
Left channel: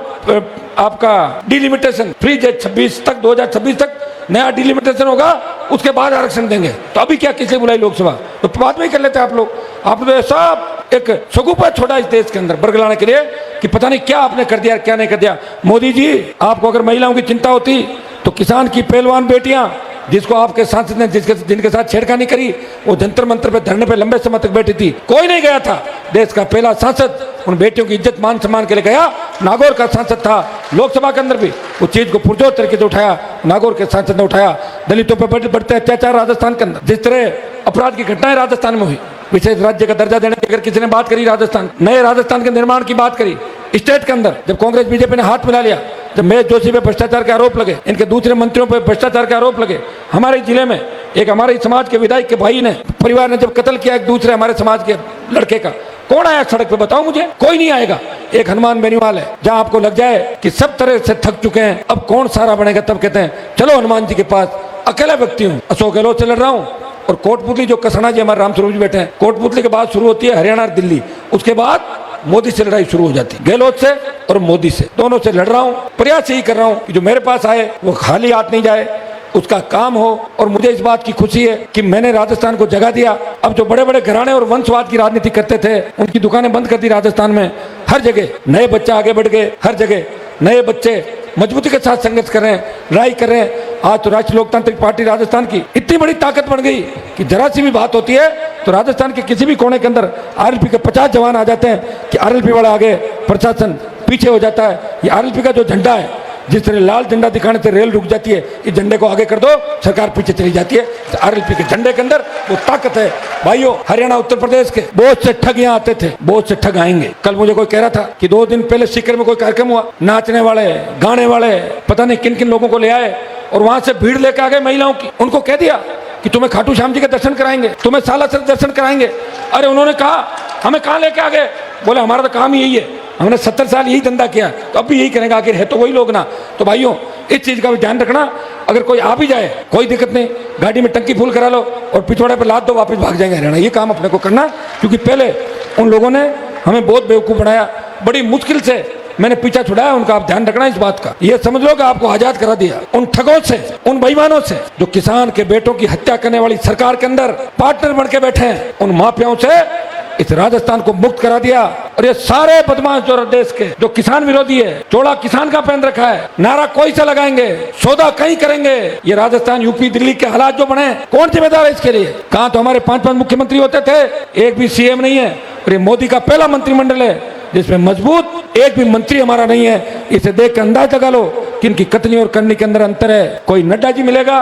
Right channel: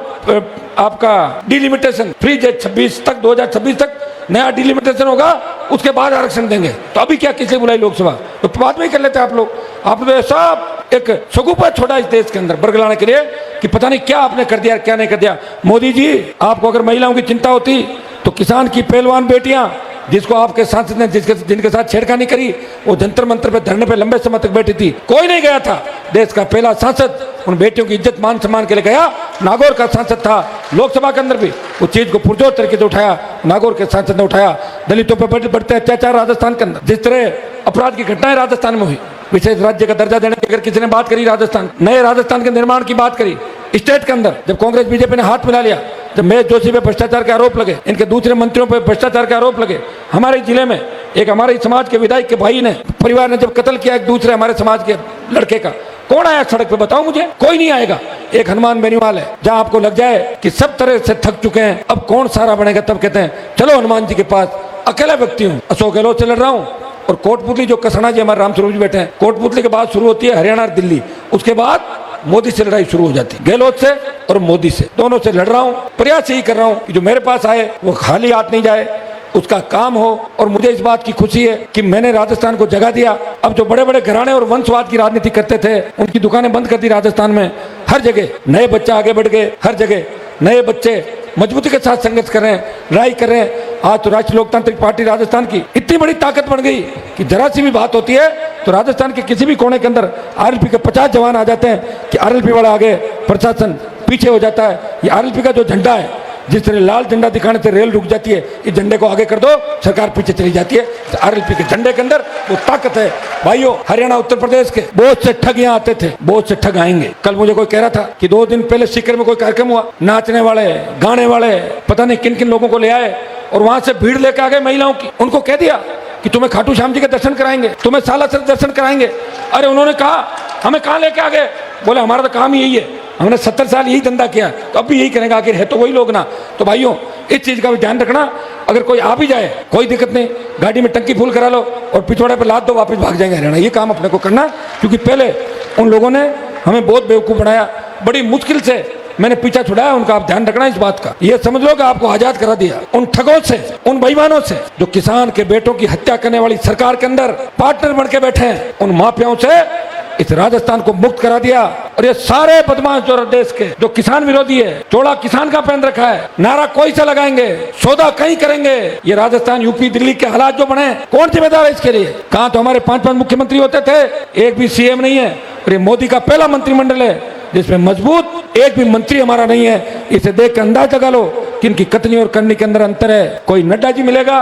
आपका डिलिमिटेशन, फ्री जेट 26 तक, 2026 तक नया डिलिमिटेशन होगा, उसके बाद आरक्षण देंगे। तो अभी क्या किसे बुलाई लोकसभा? तो बाद में ही कर लेते आप लोग। आपने सब एक सगुफा छोड़ा इस देश के अंदर बरगलाने के लिए कि पता नहीं क्या आपने कर दिया, क्या नहीं कर दिया। मोदी जी, आपको अगर महिलाओं की चिंता होती तो किसान की पहलवान बेटियां, जिसको आपके सांसद ने जिनके साथ छेड़खानी करी, वो जंतर मंतर पे धरने पे लंबे समय तक बैठी थी, कोई नहीं गया था। देश का पहला सांसद उन बेटियों की इज्जत मान सम्मान के लिए गया। नागौर का सांसद था, लोकसभा के अंदर भी उस चीज को पुरजोर तरीके से उठाया, नागौर के सांसद ने उठाया। दलितों पर बढ़ते अत्याचार राजस्थान के अंदर, जिस तरह अपराध की घटनाएं राजस्थान में हुई, विशेष राज्य का दर्जा देने की अगर किसी ने बात करी, राजस्थान, नए राजस्थान के निर्माण की बात करी, स्टेट के अंदर जब कांग्रेस बीजेपी ने हाथ मिला लिया, जब महेश जोशी पे भ्रष्टाचार के आरोप लगे, इनके दूसरे मंत्रियों पे भ्रष्टाचार के आरोप लगे, हमारे जिले में एक हमारे समाज के विधायक के भाई ने, परिवार ने जब कत्ल किया एक दूसरे हमारे समाज के लड़के का, कौन आया सड़क पे? बताओ मुझे, कोई नहीं आएगा। एक हनुमान बेनीवाल है, जहां आपको लग जाए कि सब तरह से थक चुके हैं, अब कौन सारा बनेगा, तब कहते हैं चलो हनुमान जी के पास। अकेला व्यक्ति हूं, अशोक गहलोत से लड़ रहा हूं। और कोटपुतली जो कसना जी हमारे रामस्वरूप जी बैठे हैं, कोटपुतली के बाद शुरू होती है हरियाणा और दिल्ली, उसके बाद मोदी से लड़ाई शुरू हो जाती है, गहलोत से और मोदी से, दोनों से लड़ रहा हूं। प्रयास यही कर रहा हूं कि जो मेरे पास आए वो खाली हाथ नहीं जाए, उसका काम हो। और मुझे इस बात की खुशी है कि मैंने राजस्थान को जगह दिया। अब जो बड़े बड़े घराने और वंशवाद की राजनीति करते थे, उनकी दुकानें बंद कर दी राजस्थान में। हर जगह नए बच्चे आगे बढ़ गए, हर जगह नए बच्चे मजबूती के साथ संघर्ष कर रहे हैं, लड़ाई कर रहे हैं। आज तो राष्ट्रीय लोकतांत्रिक पार्टी राजस्थान की इतनी बड़ी ताकत बन गई कि जरा सी भी बात होती है तो राजस्थान के किसी भी कोने के अंदर RLP के 50 जवान आ जाते हैं कि RLP वाला आगे, प्रशासन पीछे हो जाता है। ये RLP का जो झंडा है, जिस तरह लाल झंडा दिखाने से रेल रुक जाती है, इस झंडे को आगे कर दो, सरकार पीछे चली जाती है। तो RLP के झंडे के अंदर वो ताकत है। भाइयों, हरियाणा उत्तर प्रदेश के बहुत से ठग यहाँ आते थे, बहुत से ठग आएंगे। कल मुझे कोई कह रहा था कि 2 दिन पहले सीकर में कोई कार्यक्रम हुआ, नाचने वाले, गाने वाले, पता नहीं किन किन लोगों को ले आए और वहां से भीड़ लेकर आ गए महिलाओं की। उनको कह दिया कि तुम्हें खाटू श्याम जी के दर्शन कराएंगे, तुम्हें सालासर दर्शन कराएंगे। अरे उन्होंने कहा हमें कहाँ लेके आ गए? बोला हमारा तो काम यही है हमने 70 साल यही धंधा किया है, तो अब भी यही करेंगे, आखिर है तो वही लोग ना। तो भाइयों इस चीज का भी ध्यान रखना, अगर कोई आ भी जाए कोई दिक्कत नहीं, गाड़ी में टंकी फुल करा लो और पिछवाड़े पे लाद दो, वापस भाग जाएंगे हरियाणा। ये काम अपने को करना, क्योंकि पहले उन लोगों ने हमें बहुत बेवकूफ बनाया, बड़ी मुश्किल से मैंने पीछा छुड़ाया उनका। आप ध्यान रखना इस बात का, ये समझ लो कि आपको आजाद करा दिया उन ठगों से, उन बेईमानों से जो किसान के बेटों की हत्या करने वाली सरकार के अंदर पार्टनर बन के बैठे हैं, इन माफियाओं से इस राजस्थान को मुक्त करा दिया। और ये सारे बदमाश और देश के जो किसान विरोधी है, थोड़ा किसान का पेन देख ले, मेरा कोई से लगाएंगे, सौदा कहीं करेंगे। ये राजस्थान, यूपी, दिल्ली के हालात जो बने, कौन जिम्मेदार है इसके लिए? कहा हमारे 5 मुख्यमंत्री होते थे, एक भी सीएम नहीं है। अरे मोदी का पहला मंत्रिमंडल है, इसमें मजबूत एक भी मंत्री हमारा नहीं है। इसे देखकर अंदाजा लगा लो कि इनकी कतले और करने के अंदर अंतर है। कोई नड्डा जी मिलेगा,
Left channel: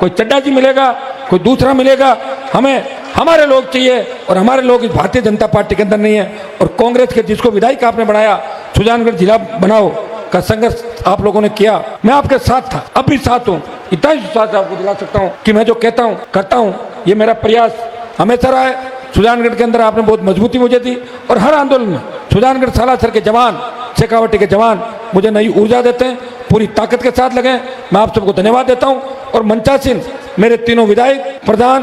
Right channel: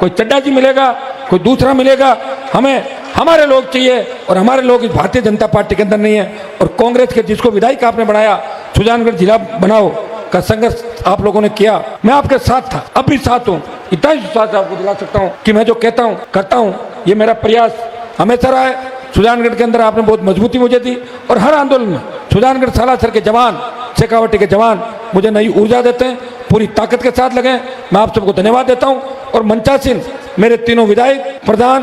कोई चड्डा जी मिलेगा, कोई दूसरा मिलेगा, हमें हमारे लोग चाहिए। और हमारे लोग भारतीय जनता पार्टी के अंदर नहीं है। और कांग्रेस के जिसको विधायक आपने बनाया, सुजानगढ़ जिला बनाओ का संघर्ष आप लोगों ने किया, मैं आपके साथ अभी साथ हूँ। आपको बता सकता हूँ कि मैं जो कहता हूँ करता हूँ, ये मेरा प्रयास हमेशा रहा है। सुजानगढ़ के अंदर आपने बहुत मजबूती मुझे दी, और हर आंदोलन में सुजानगढ़ सालासर के जवान, शेखावटी के जवान मुझे नई ऊर्जा देते हैं, पूरी ताकत के साथ लगे। मैं आप सबको धन्यवाद देता हूँ। और मंचासीन मेरे तीनों विधायक, प्रधान,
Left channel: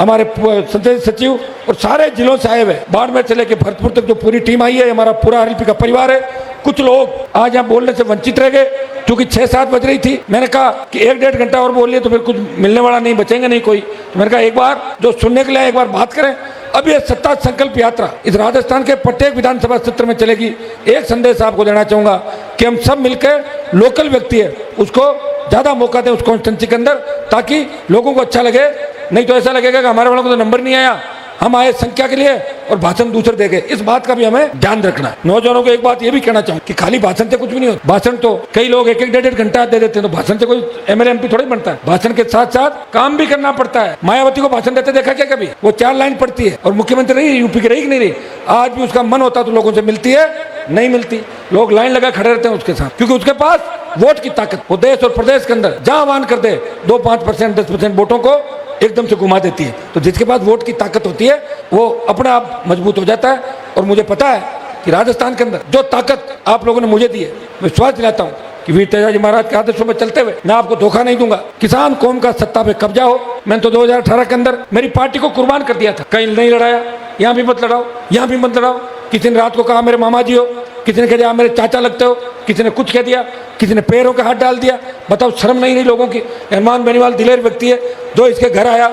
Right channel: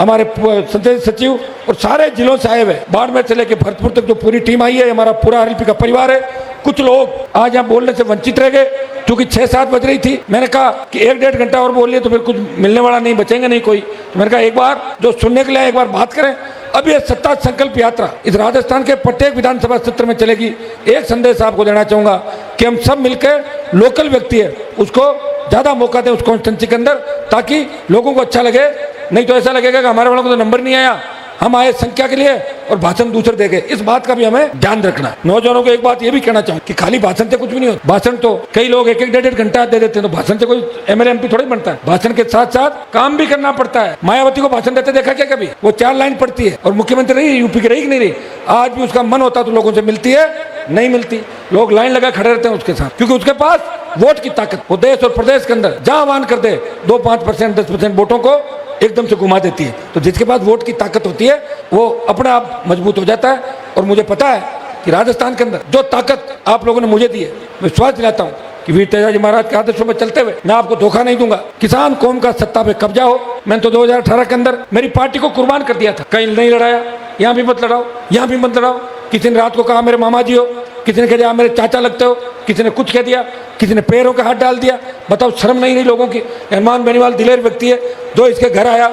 हमारे संसदीय सचिव और सारे जिलों से आए हुए, बाड़मेर से लेकर भरतपुर तक जो पूरी टीम आई है, हमारा पूरा आरएलपी का परिवार है। कुछ लोग आज यहाँ बोलने से वंचित रह गए, क्योंकि 6-7 बज रही थी। मैंने कहा कि 1-1.5 घंटा और बोल लिए तो फिर कुछ मिलने वाला नहीं, बचेंगे नहीं कोई। तो मैंने कहा एक बार जो सुनने के लिए एक बार बात करें। अब ये सत्ता संकल्प यात्रा इस राजस्थान के प्रत्येक विधानसभा क्षेत्र में चलेगी। एक संदेश आपको देना चाहूंगा कि हम सब मिलकर लोकल व्यक्ति है उसको ज्यादा मौका दें उस कॉन्स्टिट्यूंसी के अंदर, ताकि लोगों को अच्छा लगे। नहीं तो ऐसा लगेगा कि हमारे वालों को तो नंबर नहीं आया, हम आए संख्या के लिए और भाषण दूसरे देंगे। इस बात का भी हमें ध्यान रखना। नौजवानों को एक बात ये भी कहना चाहूँ कि खाली भाषण से कुछ भी नहीं होता। भाषण तो कई लोग 1-1, 1.5 घंटा दे देते हैं, तो भाषण से कोई एमएलए एमपी थोड़ी बनता है। भाषण के साथ साथ काम भी करना पड़ता है। मायावती को भाषण देते देखा क्या कभी? वो 4 लाइन पढ़ती है और मुख्यमंत्री रही, यूपी की रही कि नहीं रही। आज भी उसका मन होता तो लोगों से मिलती है, नहीं मिलती। लोग लाइन लगा खड़े रहते हैं उसके साथ, क्योंकि उसके पास वोट की ताकत, वो देश और प्रदेश के अंदर जहां आह्वान कर दे 2-5%, 10% वोटों को एकदम से घुमा देती है। तो जिसके पास वोट की ताकत होती है वो अपने आप मजबूत हो जाता है। और मुझे पता है कि राजस्थान के अंदर जो ताकत आप लोगों ने मुझे दी है, मैं विश्वास दिलाता हूँ कि वीर तेजाजी महाराज के आदर्शों में चलते हुए मैं आपको धोखा नहीं दूंगा। किसान कौम का सत्ता पे कब्जा हो, मैंने तो 2018 के अंदर मेरी पार्टी को कुर्बान कर दिया था। कहीं नहीं लड़ाया, यहाँ भी मत लड़ाओ, यहाँ भी मत लड़ाओ। किसी ने रात को कहा मेरे मामा जी हो, किसी ने कह दिया मेरे चाचा लगते हो, किसी ने कुछ कह दिया, किसी ने पैरों का हाथ डाल दिया। बताओ शर्म नहीं रही लोगों की? हनुमान बेनीवाल दिलेर व्यक्ति है, जो इसके घर आया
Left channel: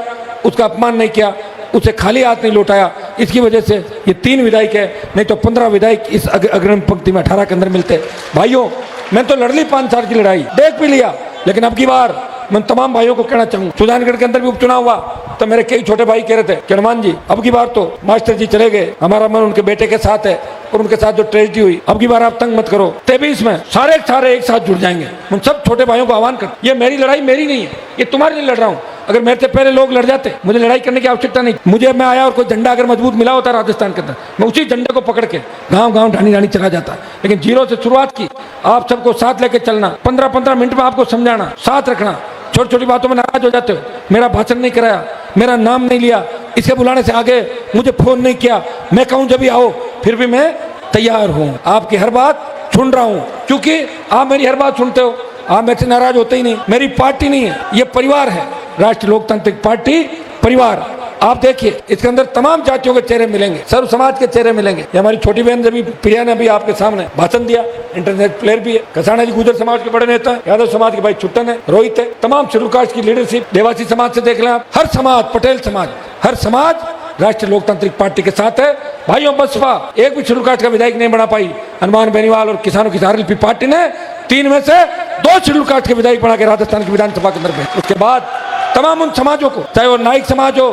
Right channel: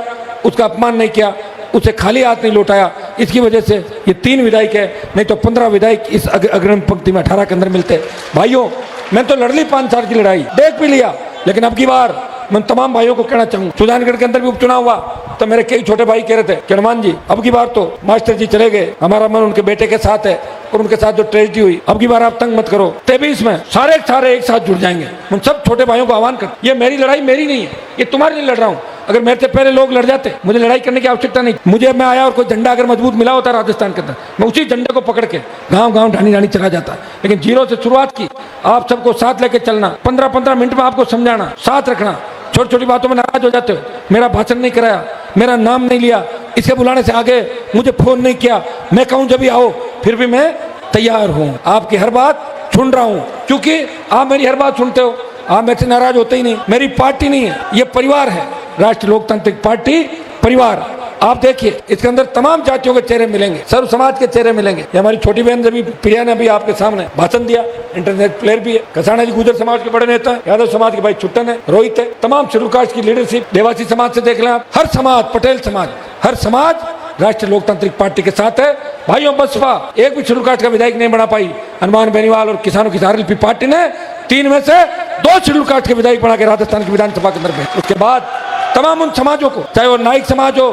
उसका अपमान नहीं किया, उसे खाली हाथ नहीं लौटाया। इसकी वजह से ये 3 विधायक है, नहीं तो 15 विधायक इस अग्रिम पंक्ति में 18 के अंदर मिलते। भाइयों मैं तो लड़ ली 5 साल की लड़ाई, देख भी लिया, लेकिन अब की बार मैं तमाम भाइयों को कहना चाहूंगा, सुजानगढ़ के अंदर भी उपचुनाव हुआ तो मेरे कई छोटे भाई कह रहे थे कि हनुमान जी अब की बार तो मास्टर जी चले गए, हमारा मन उनके बेटे के साथ है और उनके साथ जो ट्रेजेडी हुई, अब की बार आप तंग मत करो। 23 में सारे एक साथ जुड़ जाएंगे। मैं सब छोटे भाइयों को आह्वान कर, ये मेरी लड़ाई मेरी नहीं है, ये तुम्हारे लिए लड़ रहा हूँ। अगर मेरे से पहले लोग लड़ जाते, मुझे लड़ाई करने की आवश्यकता नहीं। मुझे मैं आया और कोई झंडा अगर मजबूत मिला होता राजस्थान के अंदर, मैं उसी झंडे को पकड़ के गांव गांव ढाणी ढाणी चला जाता। लेकिन जीरो से शुरुआत की, आप सबको साथ लेके चलना, 15-15 मिनट में आपको समझाना, साथ रखना। छोटी छोटी बातों में नाराज हो जाते हो, मेरा भाषण नहीं कराया, मेरा नाम नहीं लिया, इसे बुलाने से आगे मुझे फोन नहीं किया, मैं कहूं जब भी आओ, फिर भी मैं तैयार हूं, आपकी हर बात सुन रहा हूं, क्योंकि आप मेरी हर बात सुनते हो, आप मेरे से नाराज होते ही नहीं। मेरी पार्टी नहीं है, ये परिवार है, राष्ट्रीय लोकतांत्रिक पार्टी परिवार। आप देखिए इसके अंदर तमाम जातियों के चेहरे मिलेंगे, सर्व समाज के चेहरे मिलेंगे। ये हमारी छोटी बहन रवि प्रिया ने भी आपके सामने भाषण दिया, इंटरनेट प्लेयर भी है। कसाना जी गुजर समाज के बड़े नेता है, यादव समाज के भाई छुट्टन है, रोहित है, तमाम शेड्यूल कास्ट की लीडरशिप, देवासी समाज से देख लें आप, हर समाज, पटेल समाज, हर समाज राष्ट्रीय लोकतांत्रिक पार्टी के साथ है। भाइयों बसपा एक भी शेड्यूल कास्ट का विधायक नहीं बना पाई, हनुमान बेनीवाल और किसानों की आरएलपी पार्टी ने 3 में से 2 शेड्यूल कास्ट के विधायक बना के राजस्थान की विधानसभा के अंदर। उसके बाद तमाम उन समाजों को, चाहे वो नाइक समाज हो,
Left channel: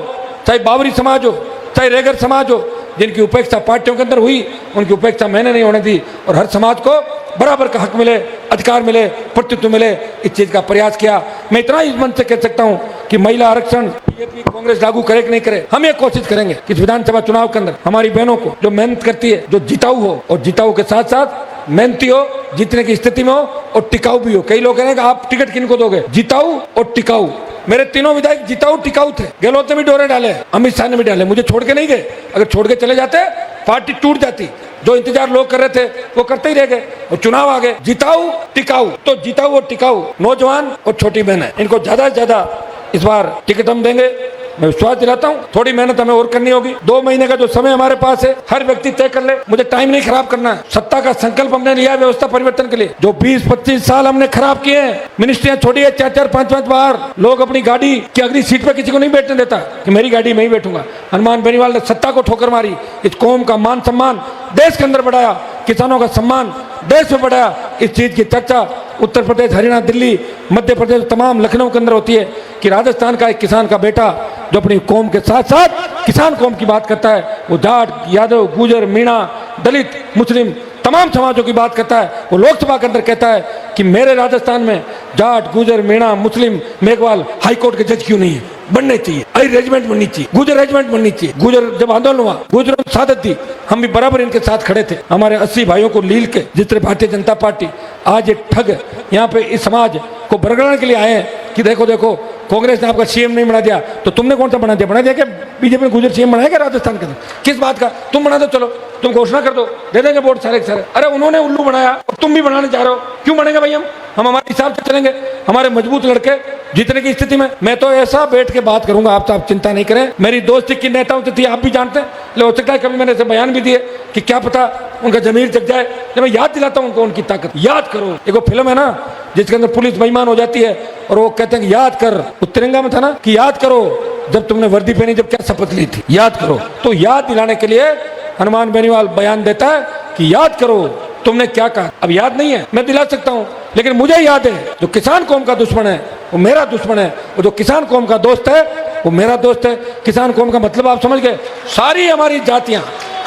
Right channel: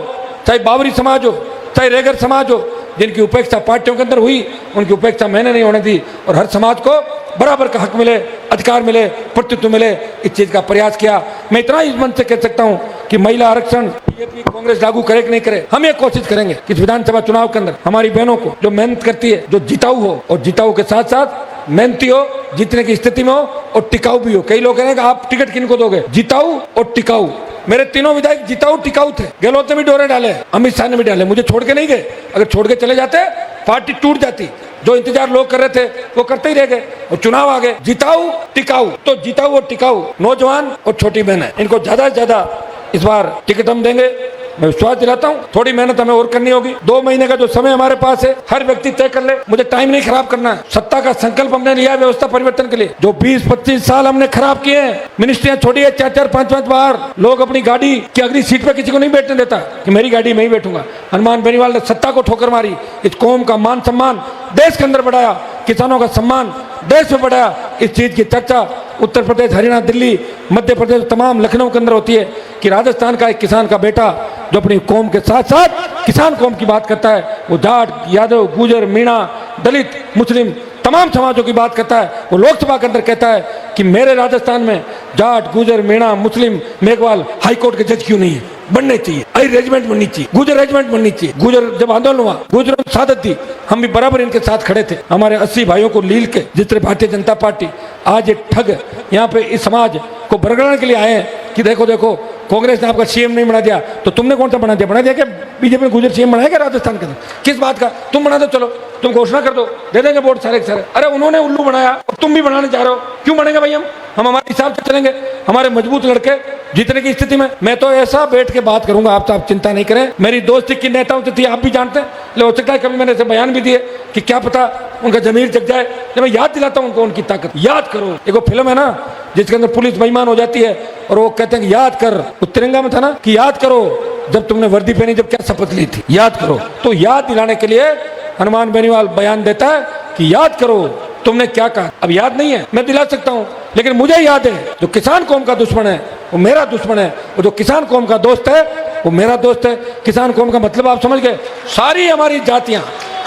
चाहे बावरी समाज हो, चाहे रेगर समाज हो, जिनकी उपेक्षा पार्टियों के अंदर हुई, उनकी उपेक्षा मैंने नहीं होने दी और हर समाज को बराबर का हक मिले, अधिकार मिले, प्रतित्व मिले, इस चीज का प्रयास किया। मैं इतना ही मंच से कह सकता हूँ कि महिला आरक्षण कांग्रेस लागू करे कि नहीं करे, हम ये कोशिश करेंगे कि विधानसभा चुनाव के अंदर हमारी बहनों को जो मेहनत करती है, जो जिताऊ हो और जिताऊ के साथ साथ मेहनती हो, जितने की स्थिति में हो, और टिकाऊ भी हो। कई लोग कहेंगे आप टिकट किनको दोगे? जिताऊ और टिकाऊ। मेरे तीनों विधायक जिताऊ टिकाऊ थे। गहलोत ने भी डोरे डाले, अमित शाह ने भी डाले, मुझे छोड़ के नहीं गए। अगर छोड़ के चले जाते पार्टी टूट जाती। जो इंतजार लोग कर रहे थे वो करते ही रह गए और चुनाव आ गए। जिताऊ टिकाऊ, तो जिताऊ और टिकाऊ नौजवान और छोटी बहनें, इनको ज्यादा से ज्यादा इस बार टिकट हम देंगे। मैं विश्वास दिलाता हूँ। थोड़ी मेहनत हमें और करनी होगी। 2 महीने का जो समय हमारे पास है, हर व्यक्ति तय कर ले। मुझे टाइम नहीं खराब करना। सत्ता का सर्कल बनना नहीं है व्यवस्था परिवर्तन के लिए। तो 20-25 साल हमने खराब किए हैं। मिनिस्ट्री छोड़ी है, लोग अपनी गाड़ी की अगली सीट पर किसी को नहीं बैठने देता कि मेरी गाड़ी में ही बैठूंगा। हनुमान बेनीवाल ने सत्ता को ठोकर मारी, इस कौम का मान सम्मान देश के अंदर बढ़ाया, किसानों का सम्मान देश में बढ़ाया। इस चीज की चर्चा उत्तर प्रदेश, हरियाणा, दिल्ली, मध्य प्रदेश, तमाम लखनऊ के अंदर होती है कि राजस्थान का एक किसान का बेटा जो अपनी कौम के साथ साथ किसान कौम की बात करता है, वो जाट, यादव, गुजर, मीणा, दलित, मुस्लिम तमाम समाजों की बात करता है। वो लोकसभा के अंदर कहता है कि मेरे राजस्थान में जाट, गुजर, मीणा, मुस्लिम, मेघवाल हाईकोर्ट के जज क्यों नहीं है? बनने चाहिए। अरे रेजिमेंट बननी चाहिए, गुजर रेजिमेंट बननी चाहिए। गुजर जब आंदोलन हुआ, गुजर सादत थी, हम भी बराबर इनके साथ खड़े थे। हमारे 80 भाइयों को लील के, जिस तरह भारतीय जनता पार्टी आज एक ठग यहाँ पे इस समाज को बरगड़ाने के लिए आए हैं कि देखो देखो कांग्रेस ने आपका सीएम नहीं बना दिया, तो तुमने कौन सा बना दिया? बना दिया क्या बीजेपी ने गुजर सीएम बनाया क्या राजस्थान के अंदर? किस बात का? तुम बना दो, चलो तुम घोषणा कर दो, दे देंगे वोट सारे के सारे। अरे उन्होंने उल्लू बनाया और तुम भी बनाने जा रहे हो, क्यों बनेंगे भाई? हम हमारे हिसाब से चलेंगे। हमारे मजबूत लड़के जीतने की स्थिति में, मैं तो ऐसा बैठ के बात करूंगा, आप चिंता नहीं करें। मेरी दोस्ती की नेताओं से थी, आप भी जानते हैं। ले हो सकता है कभी मैंने ऐसे बयान भी दिए कि क्या पता उनका जमीर जग जाए। जब मैं याद दिलाता हूं उनको उनकी ताकत। याद करो, एक फिल्म है ना जिसके अंदर पुलिस बेईमान हो जाती है और वो कहते हैं कि याद कर, वो तिरंगा में था ना कि याद करो जब तुमने वर्दी पहनी, जब क्या शपथ ली थी, याद करो। तो याद दिलाने के लिए हनुमान बेनीवाल बयान देता है कि याद करो तुमने क्या कहा। अब याद नहीं है, मैं दिला सकता हूं, लेकिन मुझे याद है जो किसान कौम का दुश्मन है वो मेरा दुश्मन है, और जो किसान कौम का दोस्त है वो मेरा दोस्त है। किसान कौम का मतलब आप समझ गए? सारी हमारी जातियां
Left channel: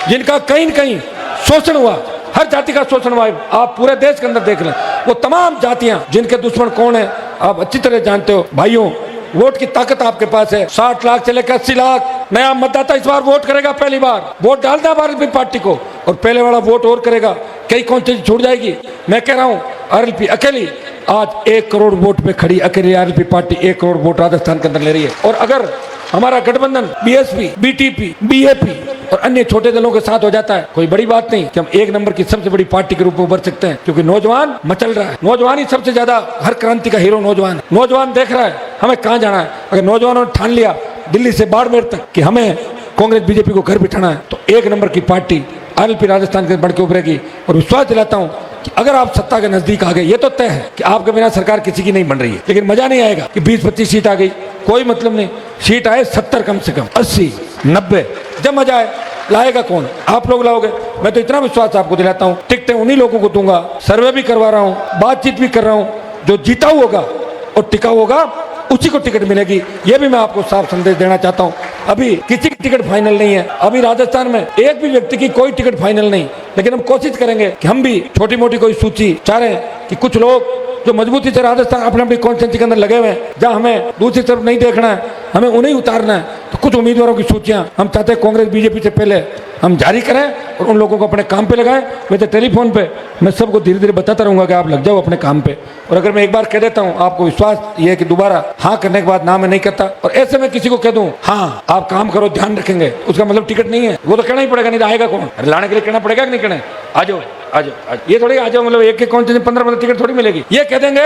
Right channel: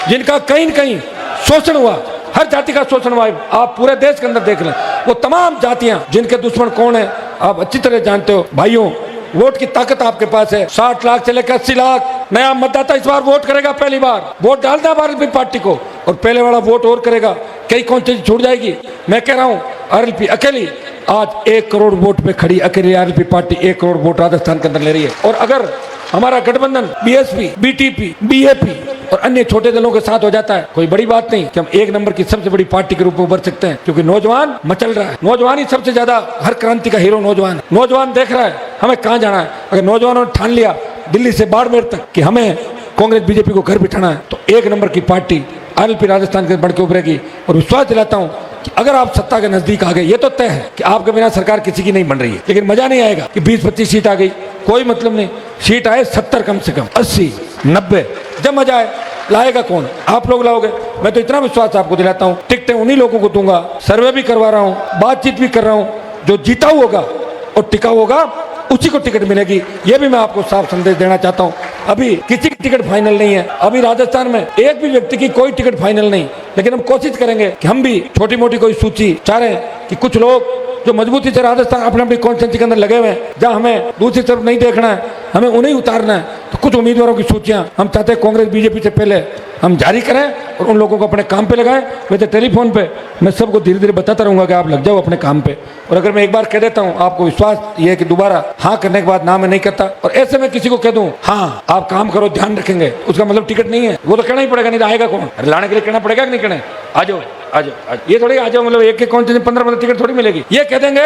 जिनका कहीं न कहीं शोषण हुआ, हर जाति का शोषण हुआ, आप पूरे देश के अंदर देख लें, वो तमाम जातियां जिनके दुश्मन कौन है आप अच्छी तरह जानते हो। भाइयों, वोट की ताकत आपके पास है। 60 लाख से लेकर 80 लाख नया मतदाता इस बार वोट करेगा। पहली बार वोट डालता है भारतीय पार्टी को, और पहले वाला वोट और करेगा। कई कौन छूट जाएगी? मैं कह रहा हूं आरएलपी अकेली आज 1 करोड़ वोट पे खड़ी, अकेली RLP party 1 crore vote Rajasthan के अंदर ले रही है। और अगर हमारा गठबंधन बीएसपी, बीटीपी, बीएपी और अन्य छोटे दलों के साथ हो जाता है, कोई बड़ी बात नहीं कि हम 1 नंबर की सबसे बड़ी पार्टी के रूप में उभर सकते हैं। क्योंकि नौजवान मचल रहा है, नौजवान ही सबसे ज्यादा, हर क्रांति का हीरो नौजवान। नौजवान देख रहा है हमें कहां जाना है। अगर नौजवानों ने ठान लिया दिल्ली से बाड़मेर तक कि हमें कांग्रेस बीजेपी को घर बिठाना है, तो 1 नंबर की पार्टी आरएलपी राजस्थान के बढ़ के उभरेगी। और विश्वास दिलाता हूं कि अगर आप सत्ता के नजदीक आ गए, ये तो तय है कि आपके बिना सरकार किसी की नहीं बन रही है। लेकिन मजा नहीं आएगा कि 20-25 सीट आ गई, कोई मतलब नहीं। सीट आए 70 कम से कम, 80, 90, जब मजा आए। लाएगा कौन? आप लोग लाओगे। मैं तो इतना विश्वास आपको दिलाता हूं, टिकटें उन्हीं लोगों को दूंगा। सर्वे भी करवा रहा हूं, बातचीत भी कर रहा हूं। जो जीता होगा और टिकाऊ होगा उसी को टिकट मिलेगी। ये भी मैं आपको साफ संदेश देना चाहता हूं। अभी किसी की टिकट फाइनल नहीं है। अभी राजस्थान में एक भी व्यक्ति की कोई टिकट फाइनल नहीं, लेकिन हम कोशिश करेंगे कि हम भी छोटी मोटी कोई सूची चाह रहे हैं कि कुछ लोग जो मजबूती से राजस्थान अपने अपनी कॉन्स्टिट्यूंसी के अंदर लगे हुए हैं, जहां हमें दूसरी तरफ नहीं देखना है, हमें उन्हें उतारना है। तो कुछ उम्मीदवारों की सूचियां हम चाहते हैं कांग्रेस बीजेपी से पहले हम जारी करें और उन लोगों को अपने काम पे लगाएं। मैं तो टेलीफोन पे मैं सबको धीरे धीरे बताता रहूंगा कि आप लग जाओ अपने काम पे। और अगर मैं एक बार कह देता हूं, आपको विश्वास ये है कि दोबारा हाँ करने के बाद ना मैं नहीं करता। और ऐसे में किसी को कह दूं हाँ आप काम करो, ध्यान रखेंगे, उसका मतलब टिकट नहीं है। वो तो कहना ही पड़ेगा, नहीं तो आएगा कौन? लाने के लिए कहना पड़ेगा कि नहीं कहना? आ जाओ आ जाओ, ये थोड़ी आ जाओ मतलब एक कौन 15 टिकट थोड़ी मिलेगी। ये कह देंगे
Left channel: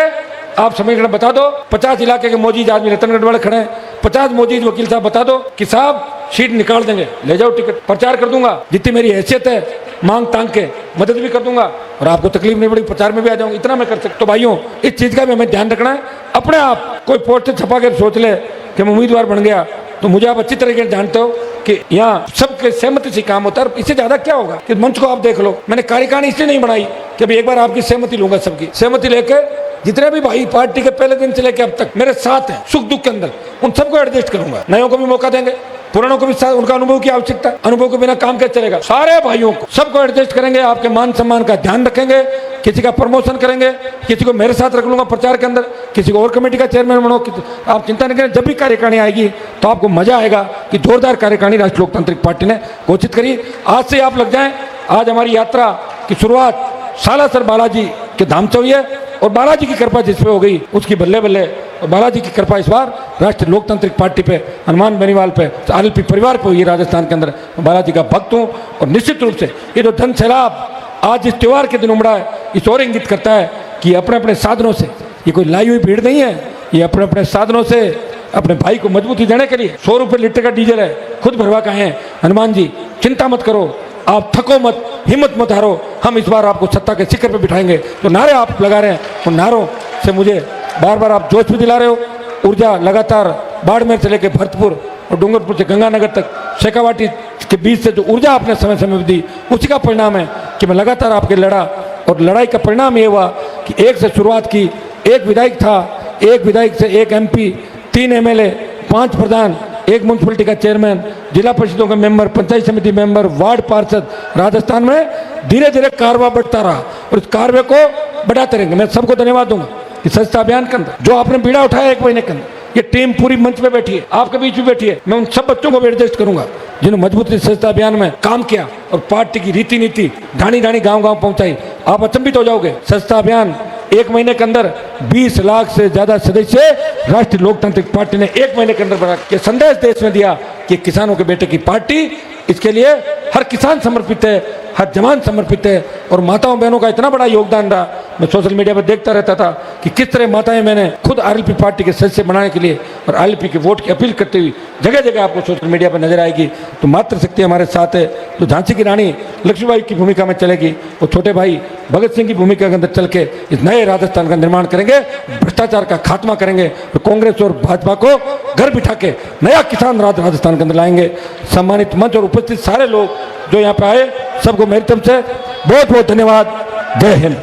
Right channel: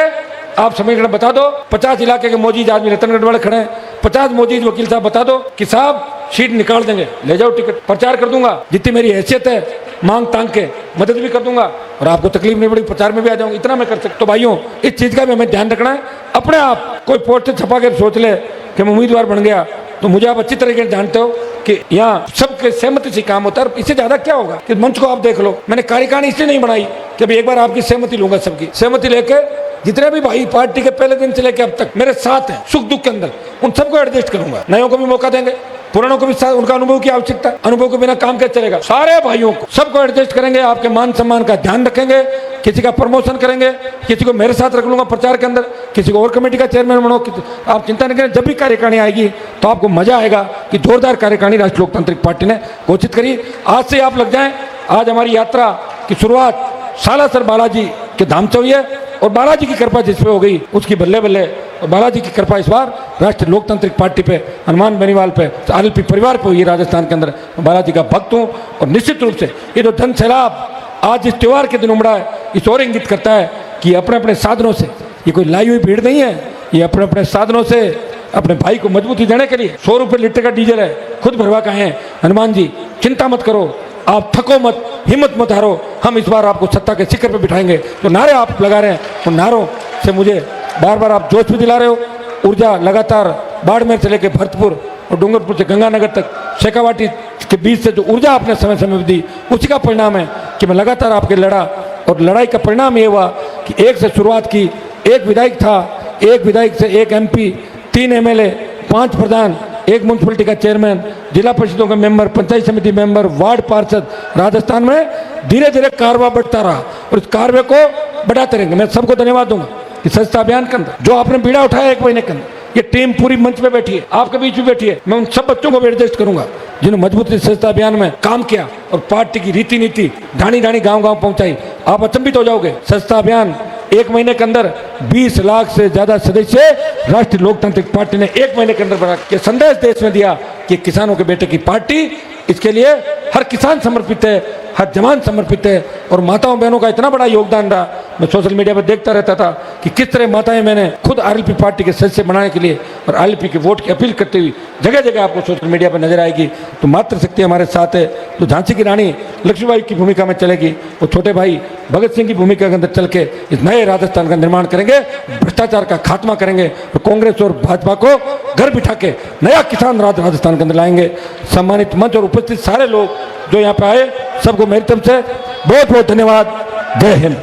आप समझ लेना, बता दो 50 इलाके के मोजीज आदमी रतनगढ़ वाले खड़े हैं, 50 मोजीज वकील साहब बता दो कि साहब सीट निकाल देंगे, ले जाओ टिकट। प्रचार कर दूंगा, जितनी मेरी हैसियत है मांग तांग के मदद भी कर दूंगा, और आपको तकलीफ नहीं पड़ेगी, प्रचार में भी आ जाऊंगा, इतना मैं कर सकता। तो भाइयों, इस चीज का भी हमें ध्यान रखना है। अपने आप कोई पोस्टर छपा कर सोच ले कि मैं उम्मीदवार बन गया, तो मुझे आप अच्छी तरीके से जानते हो कि यहाँ सबके सहमति से काम होता है। इससे ज्यादा क्या होगा कि मंच को आप देख लो। मैंने कार्यकारिणी इसलिए नहीं बनाई कि अभी एक बार आपकी सहमति लूंगा, सबकी सहमति लेके जितने भी भाई पार्टी के पहले दिन से लेकर अब तक मेरे साथ हैं सुख दुख के अंदर, उन सबको एडजस्ट करूंगा। नयों को भी मौका देंगे, पुरानों को भी साथ, उनका अनुभव की आवश्यकता, अनुभव के बिना काम कैसे चलेगा। सारे भाइयों को सबको एडजस्ट करेंगे, आपके मान सम्मान का ध्यान रखेंगे, किसी का प्रमोशन करेंगे, किसी को मेरे साथ रख लूंगा प्रचार के अंदर, किसी को और कमेटी का चेयरमैन बनो। आप चिंता न करें, जब भी कार्यकारिणी आएगी तो आपको मजा आएगा कि जोरदार कार्यकारिणी राष्ट्रीय पार्टी ने घोषित करी। आज से आप लगता है, आज हमारी यात्रा की शुरुआत सालासर बालाजी के धाम से हुई है। और बालाजी की कृपा जिसमें हो गई उसकी बल्ले बल्ले। बालाजी की कृपा इस बार राष्ट्रीय लोकतांत्रिक पार्टी पे, हनुमान बेनीवाल पे, आरएलपी परिवार पे हुई राजस्थान के अंदर। बालाजी का भक्त हूं और निश्चित रूप से ये जो धन सैलाब आज इस त्योहार के दिन उमड़ा है, इस और इंगित करता है कि अपने अपने साधनों से, ये कोई लाई हुई भीड़ नहीं है, ये अपने अपने साधनों से अपने भाई को मजबूती देने के लिए 100 रुपए लीटर का डीजल है, खुद भरवा का है। हनुमान जी चिंता मत करो, आप थको मत, हिम्मत मत हारो, हम इस बार आपको सत्ता के शिखर पे बिठाएंगे। तो नारे आप लगा रहे हैं, तो नारों से मुझे बार बार आप जोश भी दिला रहे हो। ऊर्जा लगातार बाड़मेर से लेकर भरतपुर और डूंगरपुर से गंगानगर तक शेखावाटी के बीच से जो ऊर्जा आपने समय समय में दी, उसी का परिणाम है कि मैं लगातार आपके लड़ा। और लड़ाई का परिणाम ये हुआ कि एक से शुरुआत की, एक विधायक था, एक विधायक से एक एमपी, 3 एमएलए, 5 प्रधान, एक म्यूनसिपलिटी का चेयरमैन, जिला परिषदों के मेंबर, पंचायत समिति मेंबर, वार्ड पार्षद। राजस्थान में धीरे धीरे कारवा बढ़ता रहा और इस कारवे को बढ़ाते रहेंगे। मैं सबको धन्यवाद दूंगा कि स्वच्छता अभियान के अंदर जो आपने बीड़ा उठाया 1 महीने के अंदर, ये टीम पूरी मंच पे बैठी है, आपके बीच में बैठी है। मैं उन सब बच्चों को भी एडजस्ट करूंगा जिन्होंने मजबूती से स्वच्छता अभियान में काम किया और पार्टी की रीति नीति ढाणी ढाणी गांव गांव पहुंचाई। आप अचंभित हो जाओगे, स्वच्छता अभियान 1 महीने के अंदर 20 लाख से ज्यादा सदस्य राष्ट्रीय लोकतांत्रिक पार्टी ने 1 महीने के अंदर बना के संदेश देश में दिया कि किसानों के बेटे की पार्टी, इसके लिए हर किसान समर्पित है, हर जवान समर्पित है। और माताओं बहनों का इतना बड़ा योगदान रहा, मैं सोशल मीडिया पर देखता रहता था कि किस तरह माताएं मैंने खुद आरएलपी पार्टी के सदस्य बनाने के लिए और आरएलपी के वोट की अपील करते हुए जगह जगह आपको सोशल मीडिया पर नजर आएगी। तो मातृशक्ति हमारे साथ है, तो झांसी की रानी लक्ष्मीबाई की भूमिका में चलेगी और छोटे भाई भगत सिंह की भूमिका के अंदर चल के इस नए राजस्थान का निर्माण करेंगे, भ्रष्टाचार का खात्मा करेंगे। तो कांग्रेस और भाजपा को घर बिठा के नया किसान राज राजस्थान के अंदर लाएंगे। सम्मानित मंच और उपस्थित सारे लोग जो यहाँ पे आए, सबको मेरी तरफ से बहुत बहुत धन्यवाद। जय हिंद।